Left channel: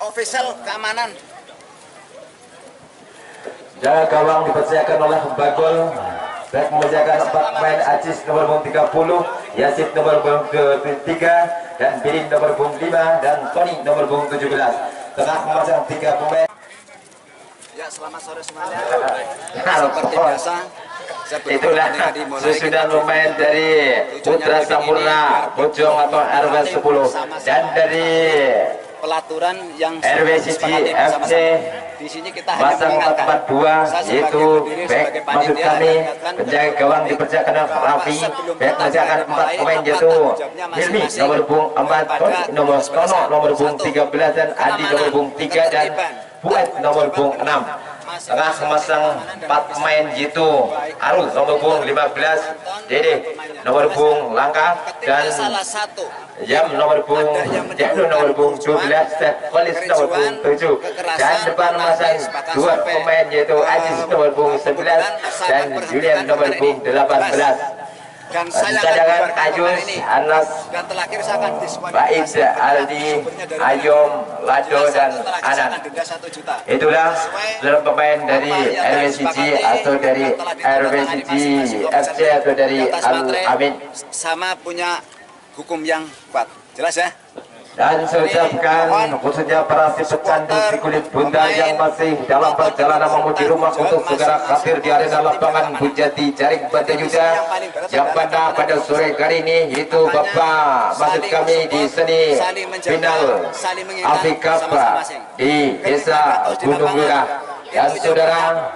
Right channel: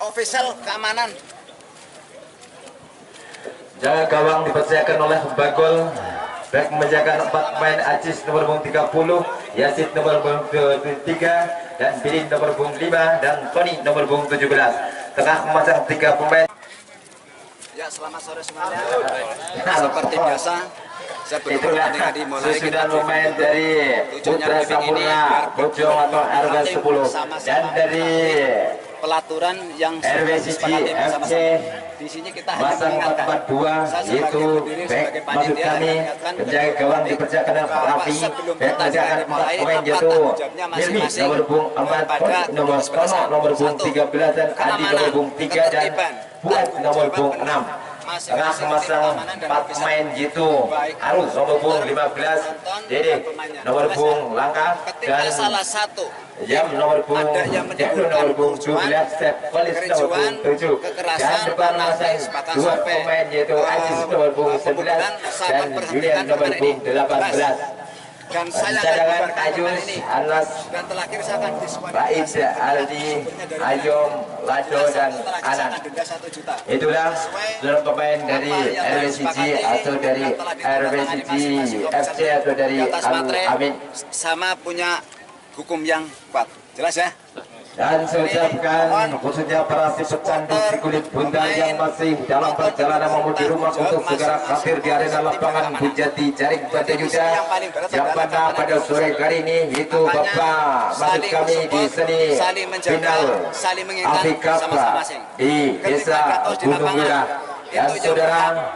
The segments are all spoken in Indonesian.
official keamanan. Jaga gawang dipersiapkan oleh Bagol. Back menjaga 4 pemain Ajis nomor punggung 30, Yasid nomor punggung 3, dan Birin nomor punggung 5, dan Tony nomor punggung 17. Tengah memasang 3 pemain. Ya, selamat sore semuanya. Seperti biasa, itulah susunan pemain dari Putra Sampurna Bojong atau RW 10 dan dari pelaturan yang RWCG FC di sini kita hanya pasang mengingatkan 442, yaitu back maksud kami penjaga gawang dipersiapkan Raffi, back menjaga 4 pemain yaitu Hilmi nomor punggung 4, Tony nomor Tono nomor punggung 13, dan Adi nomor punggung 3, dan Buat nomor punggung 6. Tengah memasang 4 pemain yaitu Arus nomor punggung 15, Dede nomor punggung Langkah, dan salah satu Jam nomor punggung Jadul nomor punggung 12, Polis nomor punggung 7, dan depan masang 2 pemain yaitu Ajis nomor punggung 11 dan Julian nomor punggung 18. dan saya Cadangan Ajus, Anas, dan terakhir saya akan Baid, Aldi, Ayom, Lado, dan Anan. Itulah seluruh pemain dari RWCG atau dari RWCG FC atau dari Al-Amin. Sama punya hukum yang kuat, jelas ya. Dan saya ucapkan khususnya para si pecandu si kulit bundar yang masih dalam perjalanan menuju rumah untuk segera hadir di arena lapangan Bujati Jaring Banda Yuda, yang mana pada sore hari ini itu Bapak maksud kami di seni final Afrika di Desa Gunung Wirah. Dan saudara,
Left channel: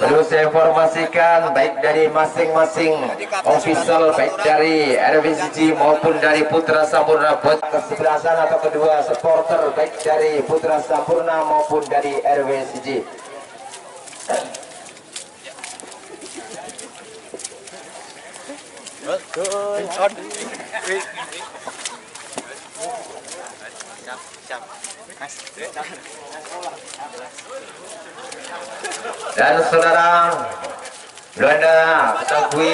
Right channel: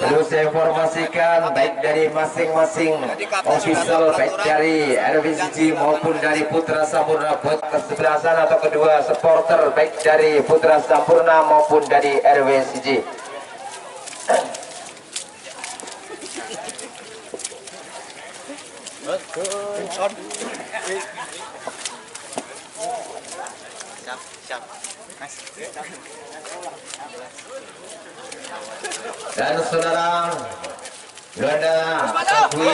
perlu saya informasikan baik dari masing-masing official baik dari RWCG maupun dari Putra Sampurna buat kesebelasan atau kedua supporter baik dari Putra Sampurna maupun dari RWCG. Dan saudara, Belanda ketahui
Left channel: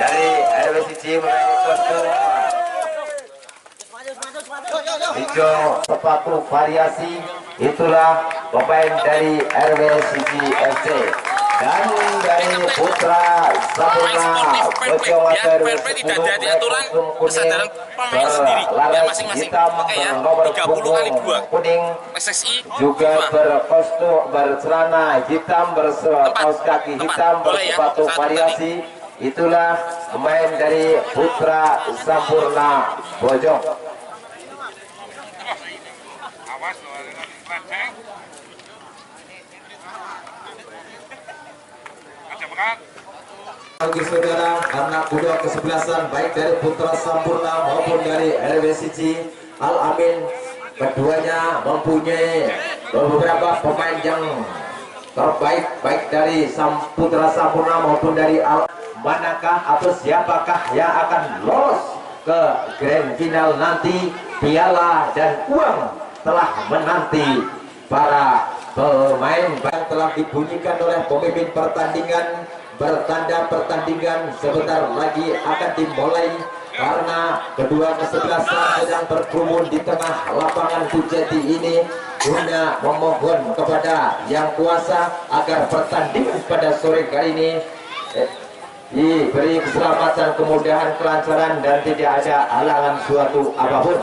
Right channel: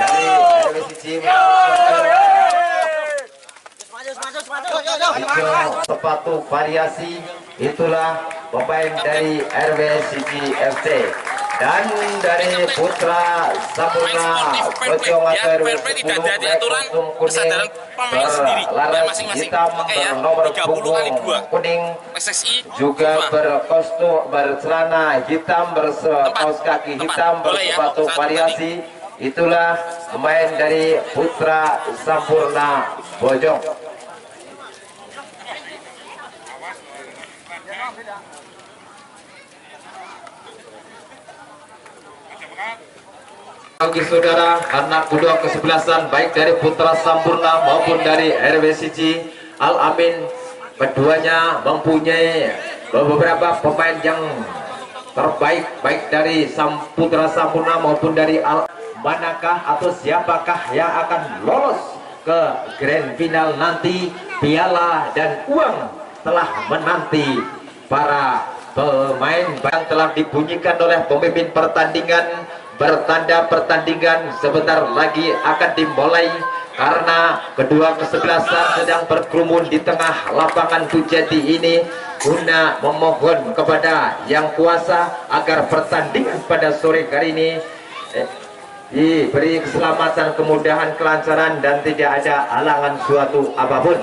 dari RWCG hijau sepatu variasi, itulah pemain dari RWCG FC. Dan dari Putra Sampurna Bojong atau tidak ada aturan kesadaran pemain sendiri dan masing-masing pakaian 30x2 kuning SSI juga berkostum bercelana hitam berkaos kaki hitam bersepatu variasi. Itulah pemain dari Putra Sampurna Bojong. Bagi saudara, anak kedua kesebelasan baik dari Putra Sampurna maupun dari RWCG Al-Amin, keduanya mempunyai beberapa pemain yang terbaik baik dari Putra Sampurna maupun dari manakah atau siapakah yang akan lolos ke grand final nanti. Piala dan uang telah menanti para pemain yang telah dibunyikan oleh pemimpin pertandingan. Bertanda pertandingan sebentar lagi akan dimulai karena kedua kesebelasan sedang berkerumun di tengah lapangan Bujati ini guna memohon kepada yang kuasa agar pertandingan pada sore hari ini diberi keselamatan, kemudahan, kelancaran, dan tidak ada halangan suatu apapun.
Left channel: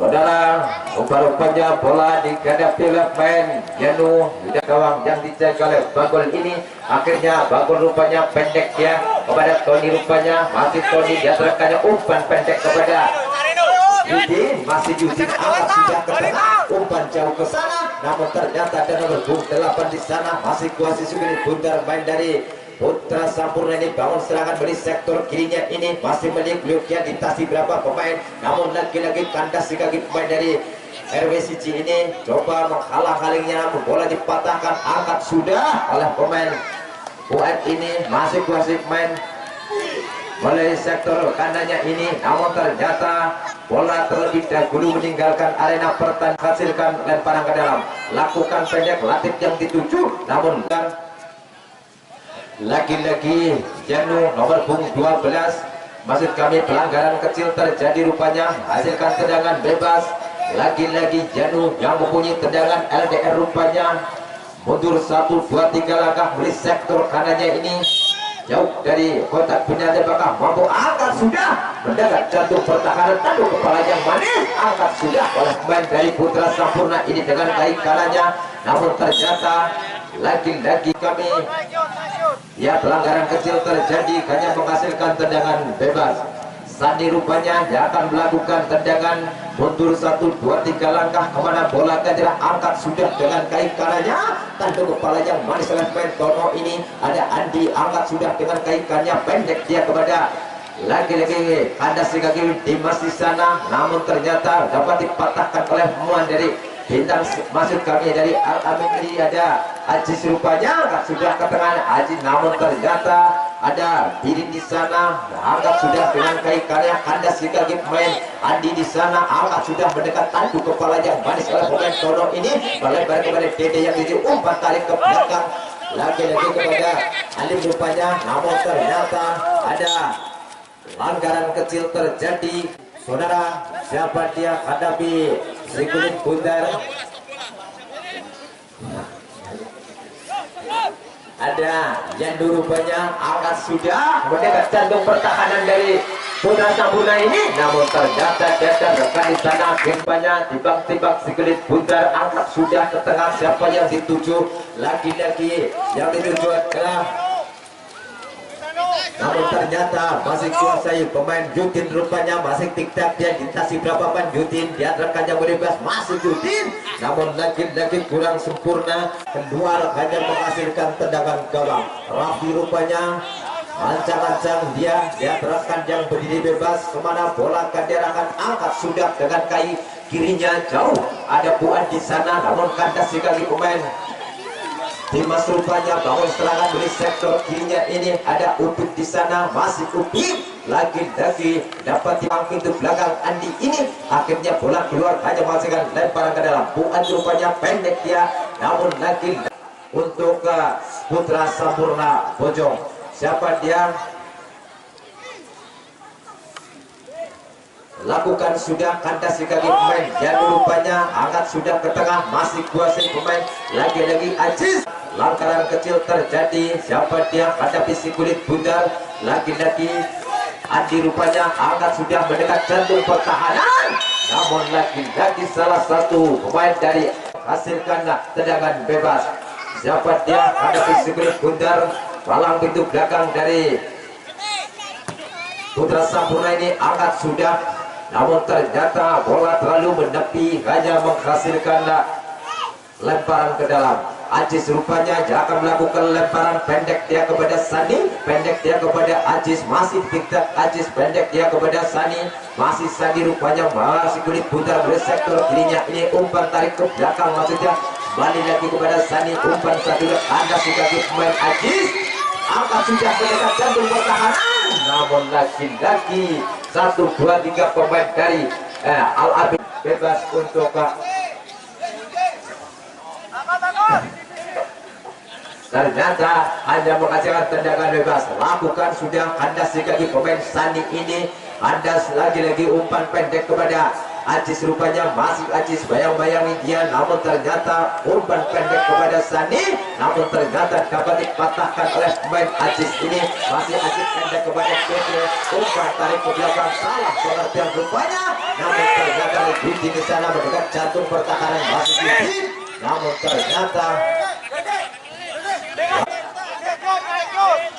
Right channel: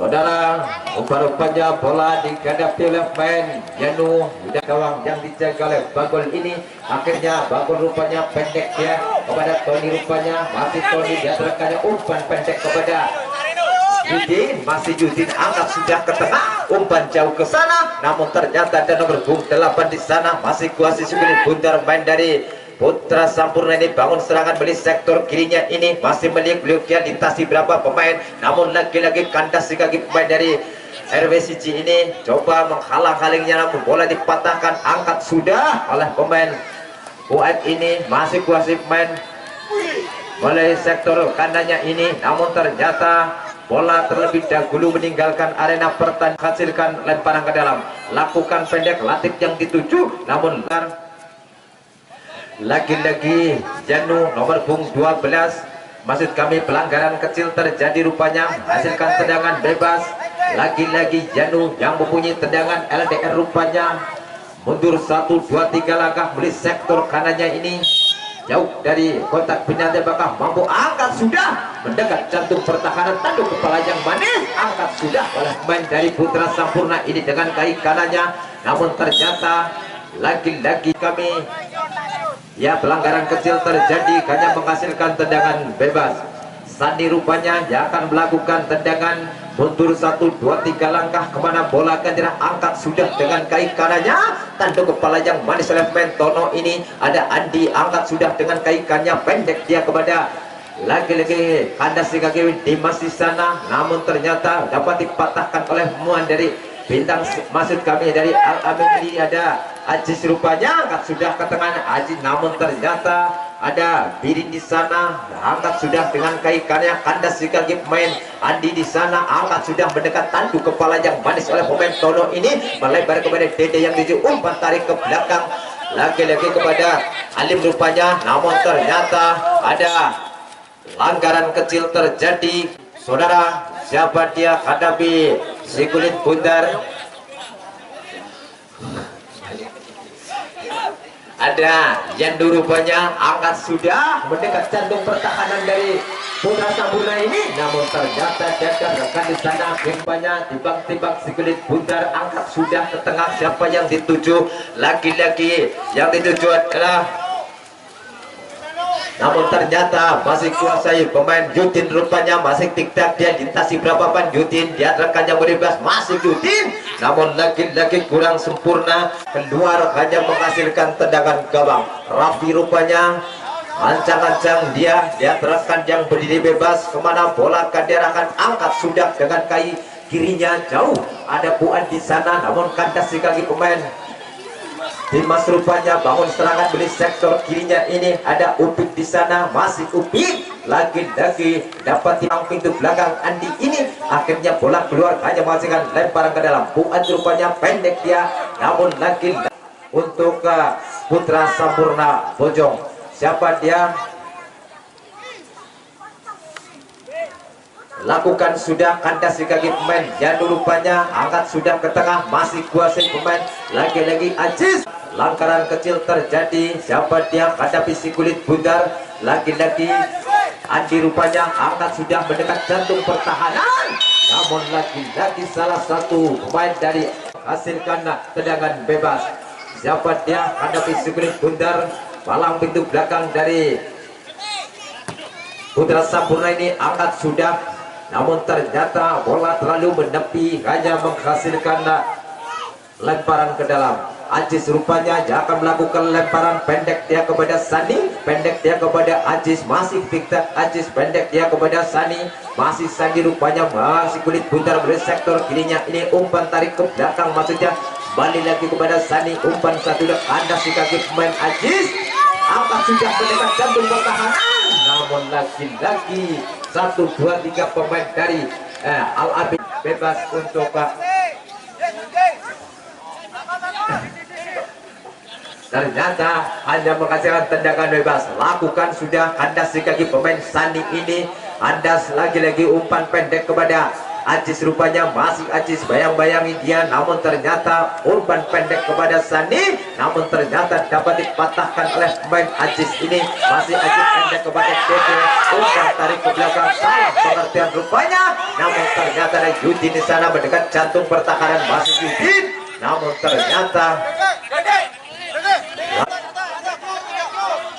Saudara, rupa-rupanya bola dihadapi oleh pemain Yanu dan gawang yang dijaga oleh Bagol ini. Akhirnya Bagol rupanya pendek ya kepada Tony, rupanya masih Tony diaturkannya umpan pendek kepada Yudin, masih Yudin angkat sudah ke tengah, umpan jauh ke sana, namun ternyata ada nomor punggung 8 di sana masih kuasi sekali bundar main dari Putra Sampurna ini bangun serangan dari sektor kirinya ini masih melihat beliau ditasi berapa pemain, namun lagi-lagi kandas si kaki pemain dari RWCG ini coba menghalang-halingnya, namun bola dipatahkan, angkat sudah oleh pemain UM ini, masih kuasai pemain oleh sektor kanannya ini, namun ternyata bola terlebih dahulu meninggalkan arena pertandingan, hasilkan lemparan ke dalam, lakukan pendek Latif yang dituju, namun lagi-lagi Janu nomor punggung 12, maksud kami pelanggaran kecil terjadi rupanya, hasilkan tendangan bebas. Lagi-lagi Janu yang mempunyai tendangan LDR rupanya mundur 1, 2, 3 langkah beli sektor kanannya ini jauh dari kotak penalti, bakal mampu angkat sudah mendekat jantung pertahanan, tanduk kepala yang manis, angkat sudah oleh pemain dari Putra Sampurna ini dengan kaki kanannya, namun ternyata lagi-lagi kami ya pelanggaran kecil terjadi, hanya menghasilkan tendangan bebas. Sandi rupanya yang akan melakukan tendangan mundur 1, 2, 3 langkah kemana bola akan angkat sudah dengan kaki kanannya, tanduk kepala yang manis oleh pemain Tono ini, ada Andi angkat sudah dengan kaki kanannya pendek dia kepada lagi-lagi kandas si kaki Dimas di sana, namun ternyata dapat dipatahkan oleh muan dari bintang, maksud kami dari Al-Amin ini, ada Ajis rupanya angkat sudah ke tengah Ajis, namun ternyata ada diri di sana, angkat sudah dengan kaki kanannya, kandas di kaki pemain Andi di sana, angkat sudah mendekat, tanduk kepala yang manis oleh pemain Tono ini, melebar kepada Dede yang tuju, umpan tarik ke belakang lagi-lagi kepada Alim rupanya, namun ternyata ada pelanggaran kecil terjadi. Saudara, siapa dia hadapi si kulit bundar, ada Yandu rupanya angkat sudah mendekat jantung pertahanan dari Putra Sampurna ini, namun ternyata dadar rekan di sana gempanya timbang-timbang si kulit bundar, angkat sudah ke tengah, siapa yang dituju, lagi-lagi yang dituju adalah, namun ternyata masih kuasai pemain Yudin rupanya, masih tik-tak dia dintasi berapa pan Yudin, dia rekan yang bebas masih Yudin, namun lagi-lagi kurang sempurna, keluar hanya menghasilkan tendangan gawang. Raffi rupanya ancang-ancang dia rekan yang berdiri bebas, kemana bola akan diarahkan, angkat sudah dengan kaki kirinya jauh, ada Puan di sana, namun kandas di kaki pemain Dimas rupanya bangun serangan beli sektor kirinya ini, ada Upik di sana, masih Upik lagi-lagi dapat tiang pintu belakang Andi ini, akhirnya bola keluar hanya menghasilkan lemparan ke dalam. Puan rupanya pendek dia, namun lagi untuk Putra Sampurna Bojong, siapa dia, lakukan sudah kandas di kaki pemain Janu rupanya, angkat sudah ke tengah, masih kuasai pemain lagi-lagi Ajis, langgaran kecil terjadi, siapa dia hadapi si kulit bundar, lagi-lagi Andi rupanya angkat sudah mendekat jantung pertahanan, namun lagi-lagi salah satu pemain dari hasilkan tendangan bebas, siapa dia hadapi si kulit bundar, palang pintu belakang dari Putra Sampurna ini angkat sudah, namun ternyata bola terlalu menepi, hanya menghasilkan lemparan ke dalam. Ajis rupanya akan melakukan lemparan pendek dia kepada Sani, pendek dia kepada Ajis, masih tiktak Ajis, pendek dia kepada Sani, masih Sani rupanya masih kulit bundar dari sektor kirinya ini, umpan tarik ke belakang, maksudnya balik lagi kepada Sani, umpan satu anda si kaki pemain Ajis, angkat sudah mendekat jantung pertahanan, namun lagi-lagi 1, 2, 3 pemain dari Al-Abid bebas untuk ternyata hanya menghasilkan tendangan bebas. Lakukan sudah kandas di kaki pemain Sani ini, kandas lagi-lagi umpan pendek kepada Ajis rupanya, masih Ajis bayang-bayangi dia, namun ternyata umpan pendek kepada Sani, namun ternyata dapat dipatahkan oleh pemain Ajis ini, masih Ajis pendek kepada Tete, umpan tarik ke belakang, salah pengertian rupanya, namun ternyata Yudin di sana mendekat jantung pertahanan, masih Yudin, namun ternyata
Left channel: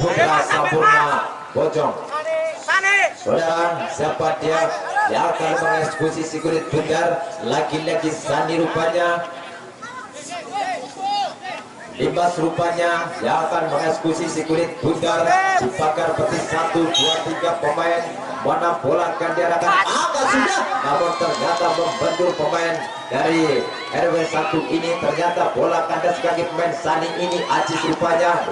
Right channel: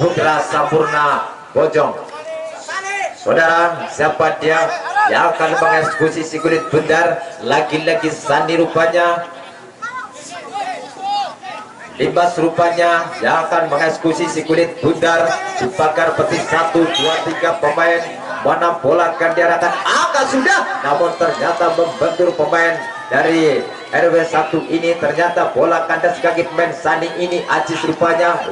Putra Sampurna Bojong. Saudara, siapa dia yang akan mengeksekusi si kulit bundar, lagi-lagi Sani rupanya, Bebas rupanya yang akan mengeksekusi si kulit bundar, dibakar petis 1, 2, 3 pemain. Mana bola akan diarahkan, angkat sudah, namun ternyata membentur pemain dari RW1 ini. Ternyata bola kandas kaki pemain Saning ini. Ajis rupanya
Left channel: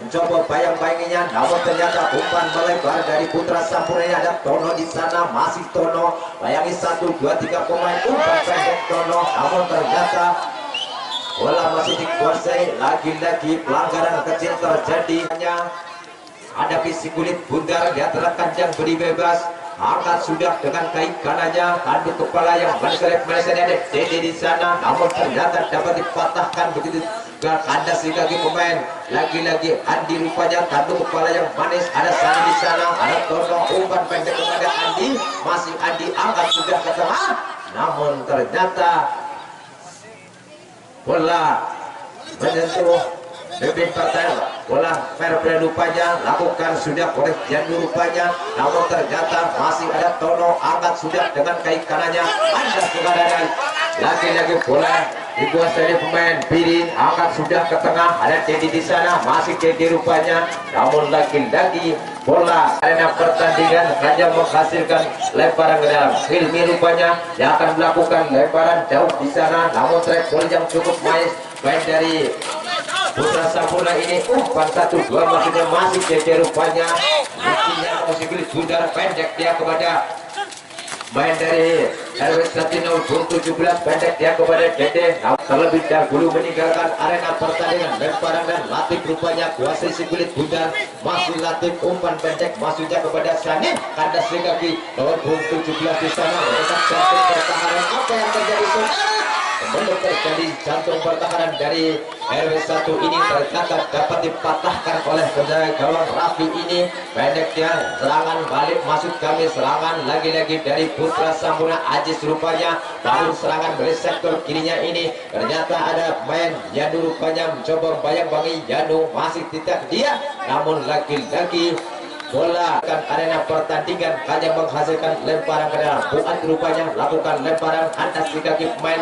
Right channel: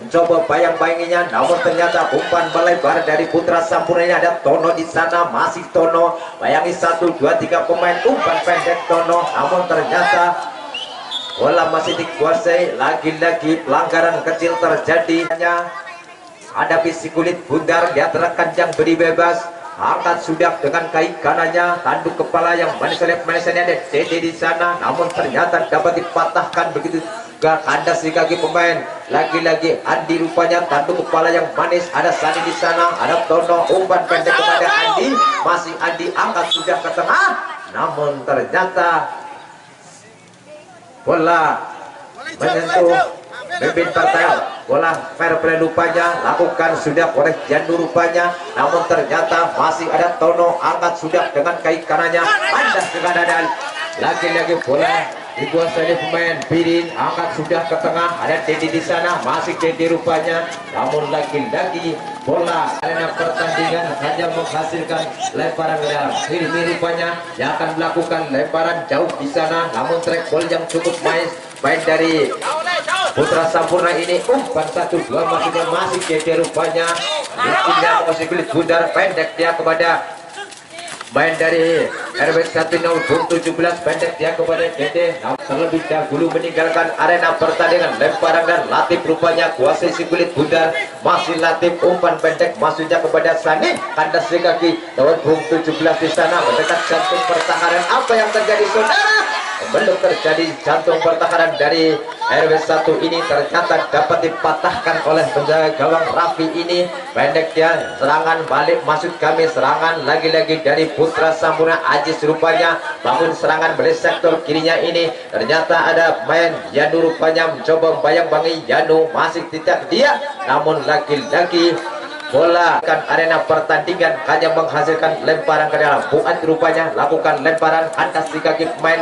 mencoba bayang-bayanginya, namun ternyata umpan melebar dari Putra Sampurna. Ini ada Tono di sana, masih Tono, bayangi 1, 2, 3 pemain, umpan pendek Tono, namun ternyata bola masih dikuasai. Lagi-lagi pelanggaran kecil terjadi. Hadapi si kulit bundar di antara kanjang beri bebas, angkat sudah dengan kaki kanannya, tanduk kepala yang manis-manisnya ada Dede di sana, namun ternyata dapat dipatahkan begitu juga kandas di kaki pemain. Lagi-lagi Andi rupanya, tanduk kepala yang manis, ada Sani di sana, ada Tono, umpan pendek kepada Andi, masih Andi, angkat sudah ke tengah, namun ternyata bola menyentuh Bebin Patel. Bola fair play rupanya lakukan sudah oleh Janu rupanya, namun ternyata masih ada Tono, angkat sudah dengan kaki kanannya, pandas ke kanan. Lagi-lagi bola dikuasai pemain Birin, angkat sudah ke tengah, ada Dedi di sana, masih Dedi rupanya, namun lagi-lagi bola arena pertandingan hanya menghasilkan lemparan ke dalam. Hilmi rupanya yang akan melakukan lemparan jauh di sana, namun track ball yang cukup main dari Putra Sampurna ini. Umpan 1, 2 masih Dede rupanya, mestinya masih kulit bundar, pendek dia kepada main dari RW1 Ujung 17, pendek dia kepada Dede. Terlebih dahulu meninggalkan arena pertandingan, lemparan dan Latif rupanya kuasai si kulit bundar, masih Latif, umpan pendek masuknya kepada Sani, kandas di kaki Ujung 17 di sana, mendekat jantung pertahanan. Apa yang terjadi saudara? Belum terjadi jantung pertahanan dari RW1 ini, ternyata dapat dipatahkan oleh penjaga gawang Raffi ini. Pendek dia, serangan balik maksud kami, serangan lagi-lagi dari Putra Sampurna. Ajis rupanya bangun serangan balik sektor kirinya ini, ternyata ada main Yanu rupanya mencoba bayang-bangi Yanu, masih tidak dia, namun lagi-lagi bola kan arena pertandingan hanya menghasilkan lemparan ke dalam. Buat rupanya lakukan lemparan atas di kaki pemain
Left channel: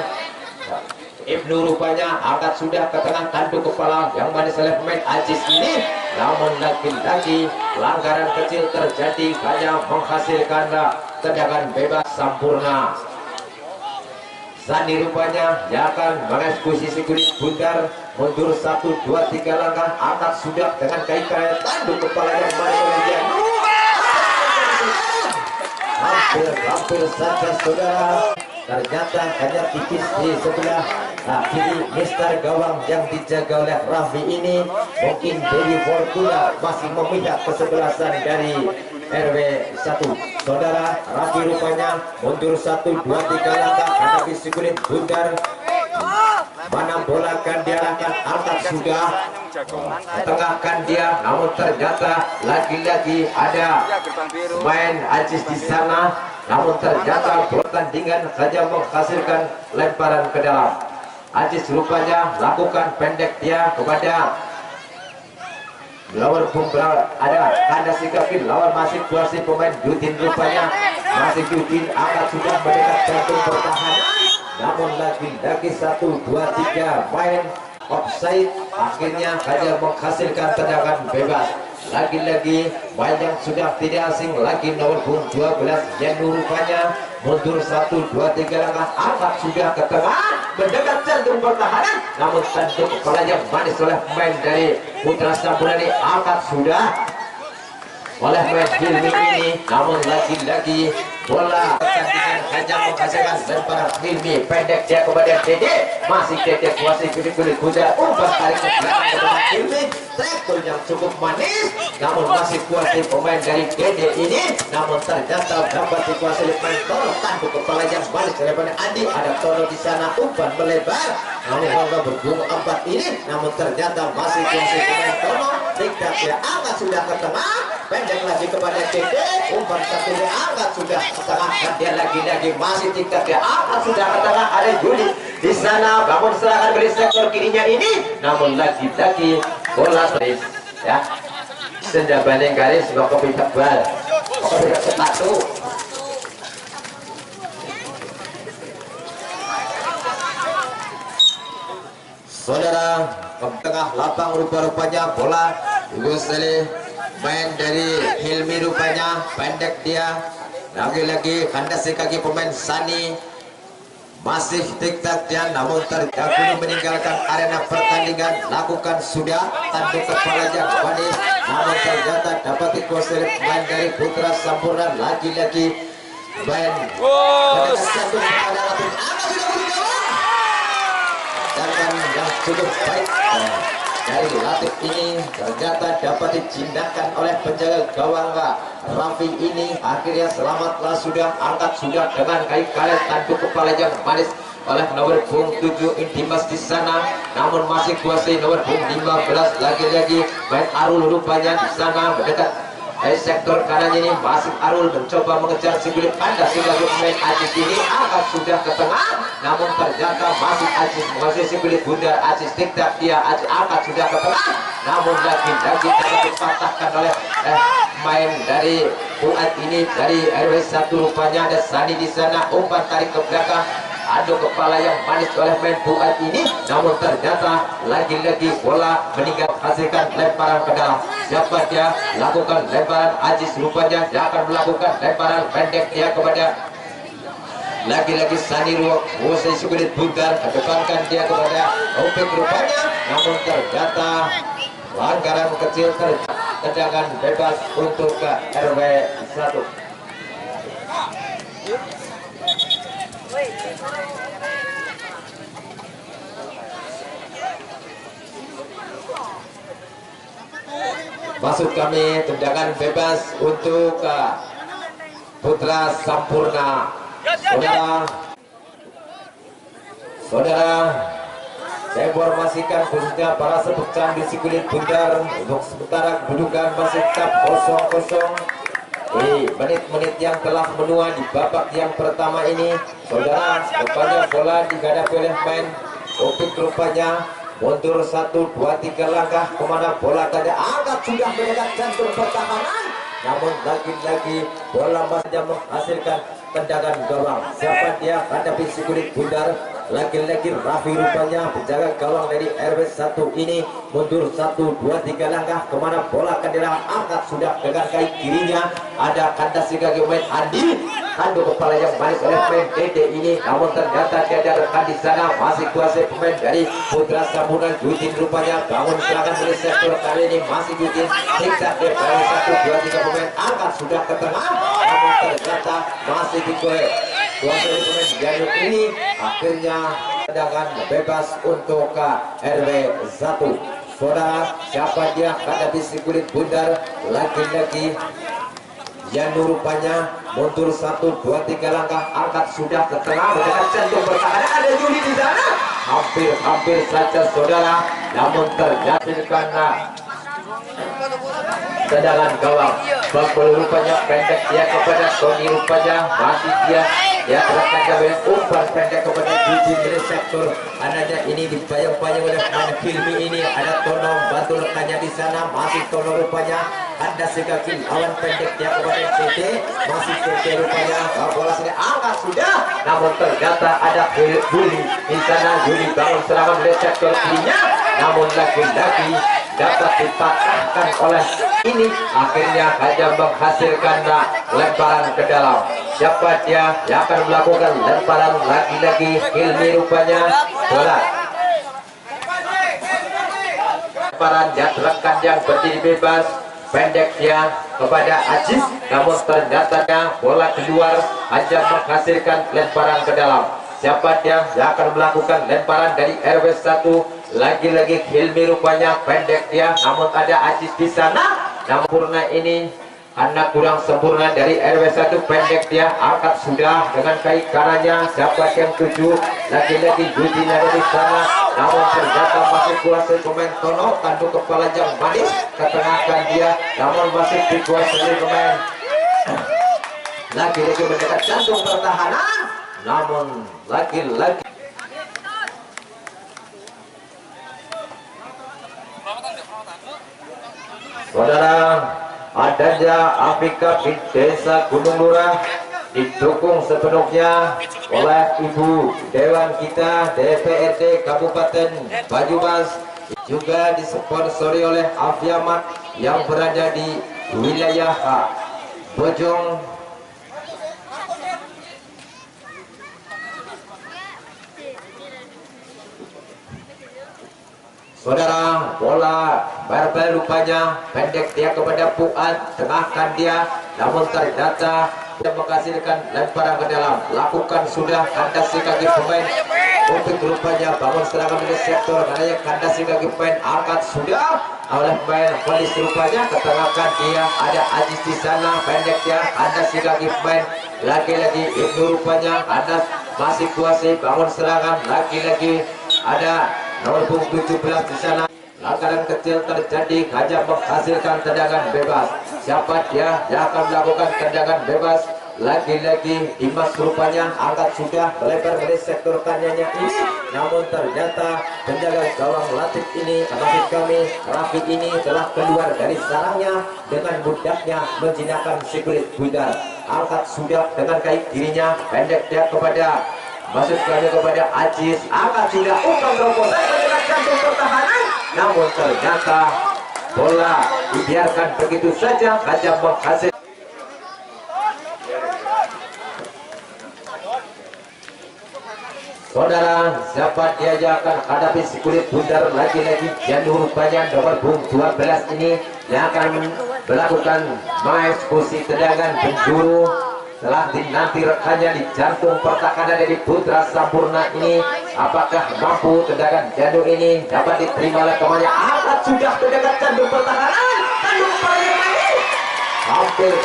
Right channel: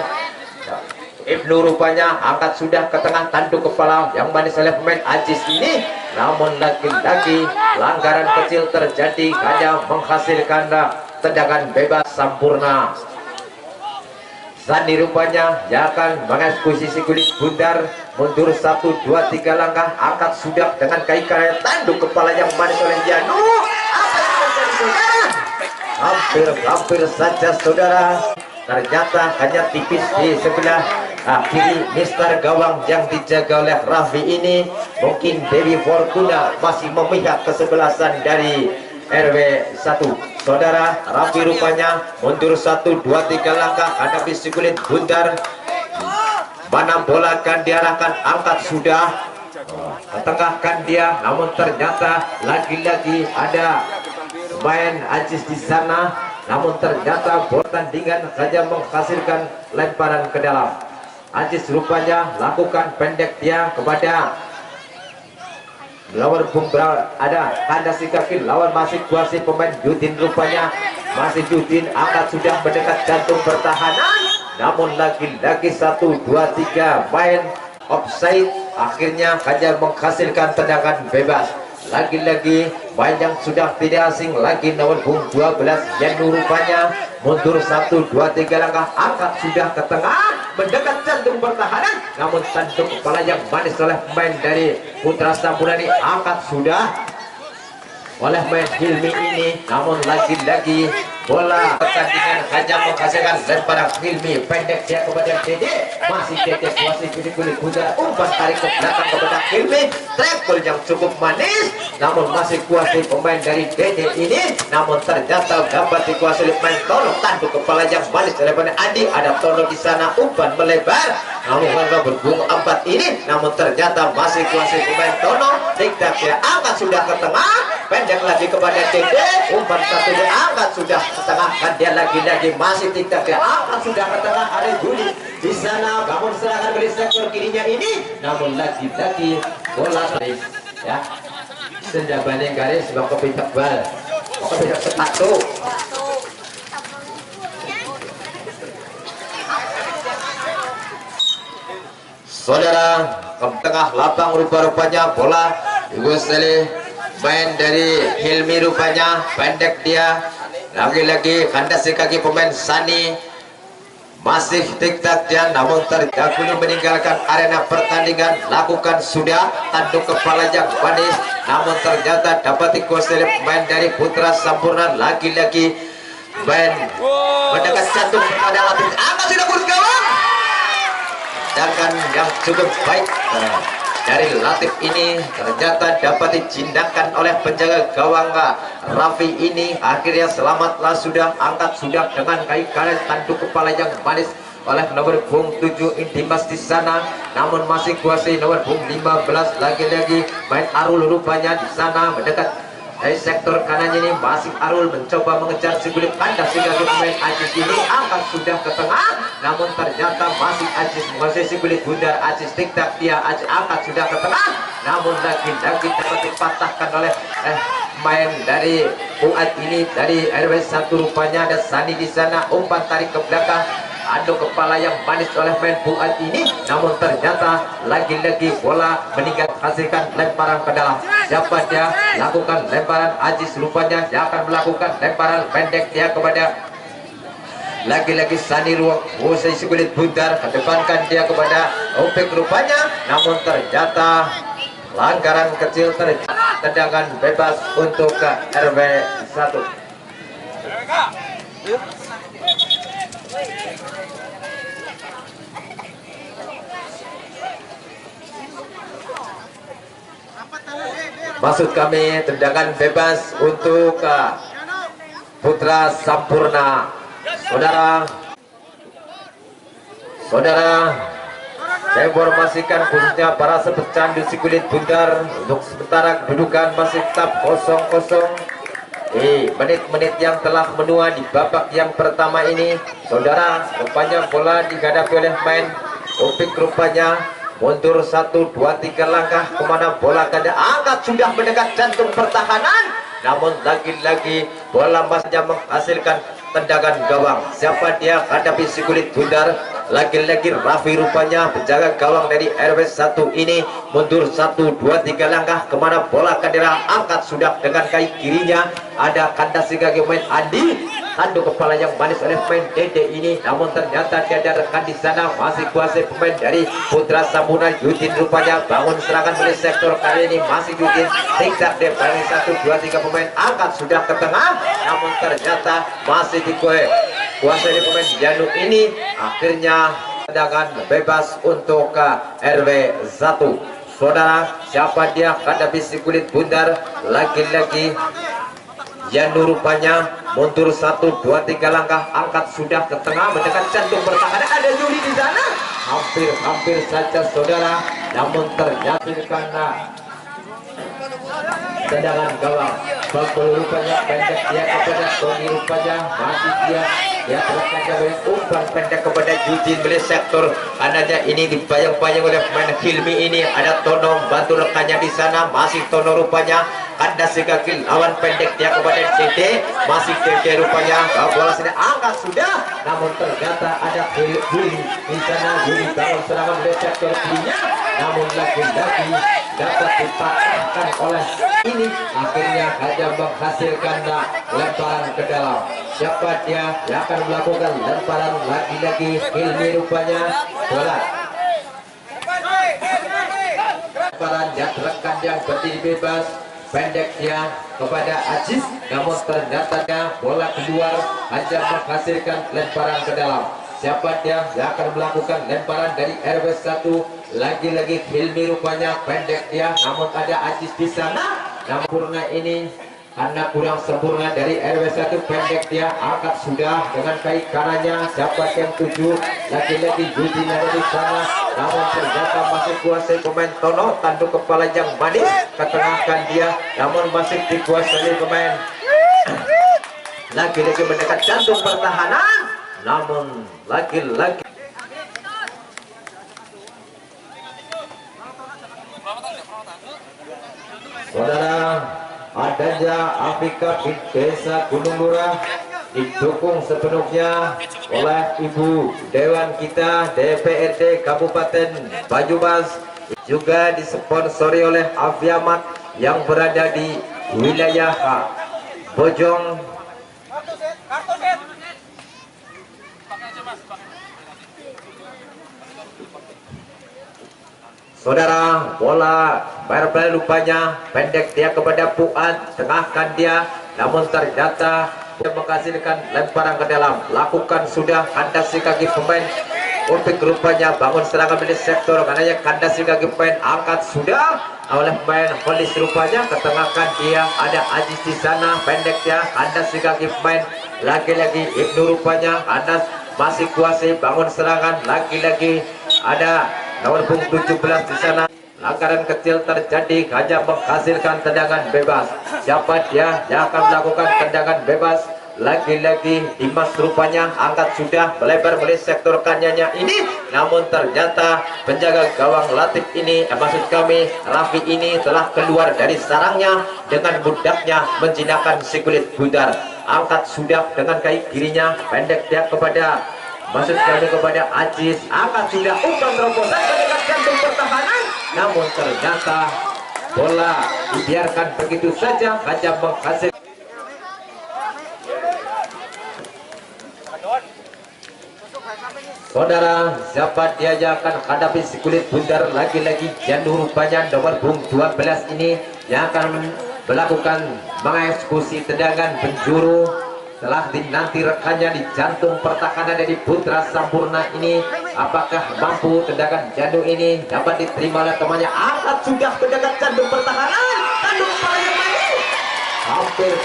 Ibnu rupanya, angkat sudah ke tengah, tanduk kepala yang manis oleh pemain Ajis ini, namun lagi-lagi pelanggaran kecil terjadi hanya menghasilkan tendangan bebas Sampurna. Sandi rupanya yang akan mengeksekusi si kulit bundar, mundur 1, 2, 3 langkah, angkat sudah dengan kaki kanan, tanduk kepala yang manis oleh Janu. Hampir saja saudara, ternyata hanya tipis di sebelah kiri Mister gawang yang dijaga oleh Raffi ini. Mungkin Dewi Fortuna masih memihak kesebelasan dari RW1 saudara. Raffi rupanya mundur 1, 2, 3 langkah hadapi si kulit bundar. Mana bola akan diarahkan, angkat sudah, ketengahkan dia, namun ternyata lagi-lagi ada main Ajis di sana, namun ternyata pertandingan saja menghasilkan lemparan ke dalam. Ajis rupanya lakukan pendek dia kepada lawan Bumbra, ada kandas di kaki lawan, masih kuasi pemain Yudin rupanya, masih Yudin angkat sudah mendekat jantung pertahanan, namun lagi-lagi 1, 2, 3 main offside, akhirnya hanya menghasilkan tendangan bebas. Lagi-lagi main yang sudah tidak asing lagi, nomor 12 Yenu rupanya mundur 1, 2, 3 langkah, angkat sudah ke tengah, mendekat jantung pertahanan, namun tanduk kepala yang manis oleh pemain dari Putra Sampurna ini, angkat sudah oleh main Hilmi ini, namun lagi-lagi bola pertandingan hanya menghasilkan lemparan Hilmi, pendek dia kepada Dede, masih Dede kuasai kulit kuda, umpan tarik ke belakang kepada Hilmi, tackle yang cukup manis, namun masih kuasai pemain dari Dede ini, namun ternyata dapat dikuasai pemain Tono, tanduk kepala yang manis daripada Andi, ada Tono di sana, umpan melebar, namun warga berbunga 4 ini, namun ternyata masih kuasai pemain Tono, tidak dia angkat sudah ke tengah, pendek lagi kepada Dede, umpan satu dia angkat sudah ke tengah, dan dia lagi-lagi masih tidak dia angkat sudah ke tengah, ada Juli di sana bangun serangan dari sektor kirinya ini, namun lagi-lagi bola ya senja banding garis kopi tebal, kopi sepatu. saudara. Ke tengah lapang rupa-rupanya bola Guseli, main dari Hilmi rupanya pendek dia. Lagi-lagi kandasi kaki pemain Sani, masih tik-tak dia, namun terdahulu meninggalkan arena pertandingan. Lakukan sudah tanduk kepala yang manis, namun ternyata dapat dikuasai pemain dari Putra Sampurna. Lagi-lagi main mendekat jantung kepada Latif, angkat sudah bergawang. Sedangkan yang cukup baik dari Latif ini ternyata dapat dijindakan oleh penjaga gawang Raffi ini. Akhirnya selamatlah sudah, angkat sudah dengan kaki karet tanduk kepala yang manis oleh nomor punggung 7 Intimas di sana, namun masih kuasai nomor punggung 15. Lagi-lagi main Arul rupanya di sana mendekat dari sektor kanan ini. Masih Arul mencoba mengejar si kulit kandas sehingga pemain Ajis ini angkat sudah ke tengah, namun ternyata masih Ajis menguasai si kulit bundar. Ajis tik-tak dia, Ajis angkat sudah ke tengah, namun lagi-lagi dapat dipatahkan oleh main dari Fuad ini dari RW 1 rupanya. Ada Sani di sana, umpan tarik ke belakang, adu kepala yang manis oleh main Fuad ini, namun ternyata lagi-lagi bola meninggal hasilkan lemparan ke dalam. Siapa dia? Lakukan lemparan Ajis rupanya, dia akan melakukan lemparan pendek dia kepada lagi-lagi Sani ruang usai kulit bundar, kedepankan dia kepada Opik rupanya, namun ternyata pelanggaran kecil tendangan bebas untuk ke RW 1. Maksud kami tendangan bebas untuk Putra Sampurna. Saudara, saya informasikan khususnya para sepecandu si kulit bundar, untuk sementara kedudukan masih tetap 0-0. Menit-menit yang telah menua di babak yang pertama ini, saudara, rupanya bola dihadapi oleh main Opik rupanya mundur 1, 2, 3 langkah kemana bola kada angkat sudah mendekat jantung pertahanan, namun lagi-lagi bola masih menghasilkan tendangan gawang. Siapa dia? Hadapi si kulit bundar. Lagi-lagi Raffi rupanya penjaga gawang dari RW 1 ini mundur 1, 2, 3 langkah kemana bola kadang angkat sudah dengan kaki kirinya. Ada kandasi kaki main Andi, tanduk kepala yang manis oleh main Dede ini, namun ternyata dia ada rekan di sana. Masih kuasai pemain dari Putra Sampurna Yudin rupanya bangun serangan dari sektor kali ini. Masih Yudin zigzag dari 1, 2, 3 pemain angkat sudah ke tengah, namun ternyata masih kuasai pemain Januk ini. Akhirnya tendangan bebas untuk RW 1. Saudara, siapa dia? Hadapi si kulit bundar. Lagi-lagi Janu rupanya mundur 1, 2, 3 langkah angkat sudah ke tengah mendekat jantung pertahanan. Ada Juli di sana, hampir saja saudara, namun terjadi karena tendangan gawang. Bakul rupanya pendek dia kepada Tony rupanya, masih dia terangkan dengan umpan pendek kepada Yudin dari sektor kanannya ini, dibayang-bayang oleh pemain Hilmi ini. Ada Tono bantu rekannya di sana, masih Tono rupanya kandas kaki lawan pendek dia kepada Dede, masih Dede rupanya bola sudah angkat sudah, namun ternyata ada Juli di sana. Juli bangun serangan dari sektor kirinya, namun lagi-lagi dapat dipatahkan oleh ini. Akhirnya hanya menghasilkan lemparan ke dalam. Siapa dia yang akan melakukan lemparan? Lagi-lagi Hilmi rupanya. Bola lemparan yang rekan yang berdiri bebas pendek dia kepada Ajis, namun ternyata bola keluar hanya menghasilkan lemparan ke dalam. Siapa dia yang akan melakukan lemparan dari RW 1? Lagi-lagi Hilmi rupanya pendek dia, namun ada Ajis di sana. Namun Purna ini anak kurang sempurna dari RW 1 pendek dia angkat sudah dengan kaki kanannya. Siapa yang 7? Lagi-lagi Yudin ada di sana, namun ternyata masih kuasai pemain Tono, tanduk kepala yang manis ketengahkan dia, namun masih dikuasai pemain. Lagi-lagi mendekat jantung pertahanan, namun lagi-lagi saudara, adanya Afrika di desa Gunung Lurah didukung sepenuhnya oleh Ibu Dewan kita DPRD Kabupaten Banyumas, juga disponsori oleh Afiamat yang berada di wilayah Bojong. Saudara, bola barbel rupanya pendek dia kepada Fuad, tengahkan dia, namun ternyata dia menghasilkan lemparan ke dalam. Lakukan sudah kandasi kaki pemain Opik, rupanya bangun serangan dari sektor kanannya, kandasi kaki pemain angkat sudah oleh pemain Polis, rupanya ketengahkan dia, ada Ajis di sana, pendek dia, kandasi kaki pemain lagi-lagi Ibnu, rupanya kandas masih kuasai bangun serangan, lagi-lagi ada nomor punggung 17 di sana. Langgaran kecil terjadi, hanya menghasilkan tendangan bebas. Siapa dia yang akan melakukan tendangan bebas? Lagi-lagi Dimas, rupanya angkat sudah melebar dari sektor kanannya ini, namun ternyata penjaga gawang Latif ini, maksud kami Raffi ini telah keluar dari sarangnya dengan mudahnya menjinakkan si kulit bundar. Angkat sudah dengan kaki kirinya, pendek dia kepada, maksud kami kepada Ajis, angkat sudah umpan terobosan dengan jantung pertahanan, namun ternyata bola dibiarkan begitu saja, hanya menghasilkan. Saudara, siapa dia yang akan hadapi si kulit bundar? Lagi-lagi Janur, rupanya nomor punggung 12 ini yang akan melakukan mengeksekusi tendangan penjuru. Setelah dinanti rekannya di jantung pertahanan dari Putra Sampurna ini, apakah mampu tendangan Janur ini dapat diterima oleh temannya? Angkat sudah tendangan jantung pertahanan, tanduk paling manis,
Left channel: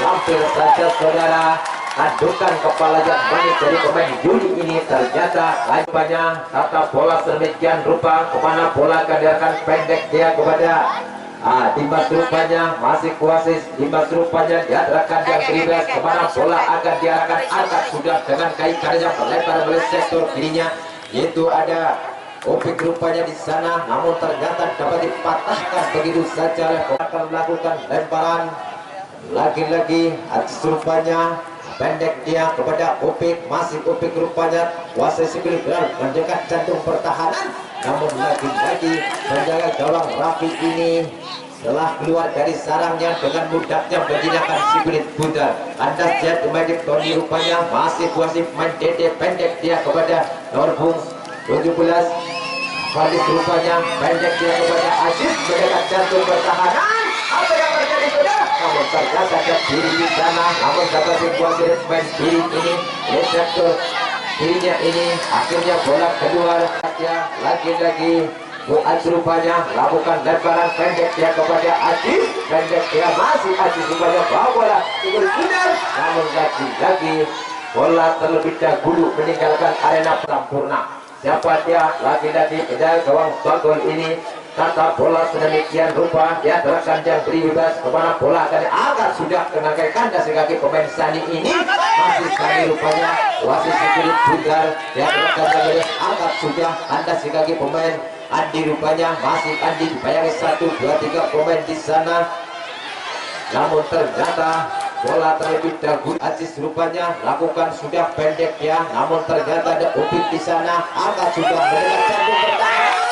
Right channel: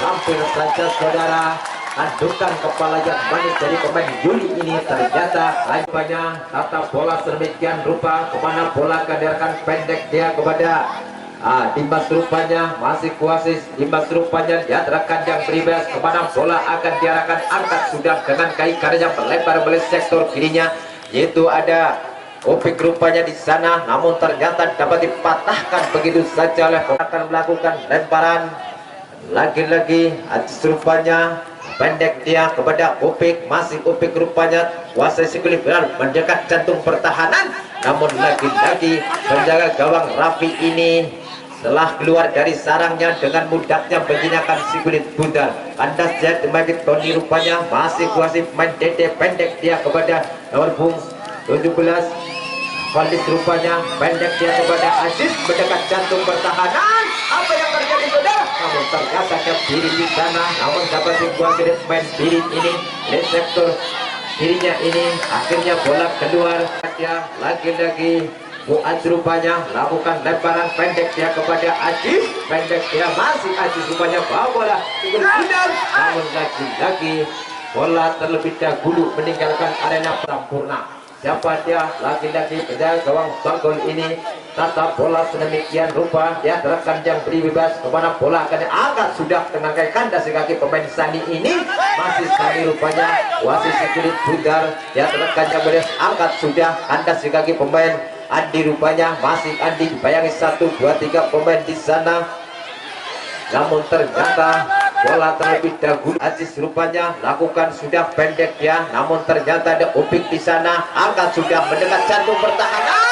hampir saja saudara. Adukan kepala yang manis dari pemain Yuli ini, ternyata banyak tata bola sedemikian rupa kemana bola akan pendek dia kepada Dimas, rupanya masih kuasis Dimas, rupanya diarahkan yang bebas kemana bola akan diarahkan, angkat sudah dengan kaki kanan yang melebar oleh sektor kirinya, yaitu ada Opik, rupanya di sana, namun ternyata dapat dipatahkan begitu saja oleh akan melakukan lemparan. Lagi-lagi Ajis, rupanya pendek dia kepada Opik, masih Opik, rupanya kuasai sikuli benar mendekat jantung pertahanan, namun lagi-lagi penjaga gawang Raffi ini telah keluar dari sarangnya dengan mudahnya menjinakkan si kulit bundar. Andas Jet Magic Tony, rupanya masih kuasai main Dede, pendek dia kepada nomor punggung 17 Fadis, rupanya pendek dia kepada Aziz mendekat jantung pertahanan. Apa yang terjadi saudara? Namun ternyata ke diri di sana, namun dapat dikuasai main diri ini di sektor dirinya ini, akhirnya bola keluar. Lagi-lagi Fuad, rupanya melakukan lemparan pendek dia kepada Ajis, pendek dia masih Ajis, rupanya bawa bola ikut benar, namun lagi-lagi bola terlebih dahulu meninggalkan arena Sampurna. Siapa dia? Lagi-lagi penjaga gawang Bagol ini, tata bola sedemikian rupa dia terangkan yang beri bebas kemana bola akan diangkat sudah dengan kaki kandas kaki pemain Sani ini, masih Sani, rupanya wasit kulit bundar dia terangkan yang beri angkat sudah kandas kaki pemain Andi, rupanya masih Andi dibayangi 1, 2, 3 pemain di sana, namun ternyata bola terlebih dahulu Aziz, rupanya lakukan sudah pendek ya, namun ternyata ada Opik di sana, angkat sudah mendekat jantung pertahanan.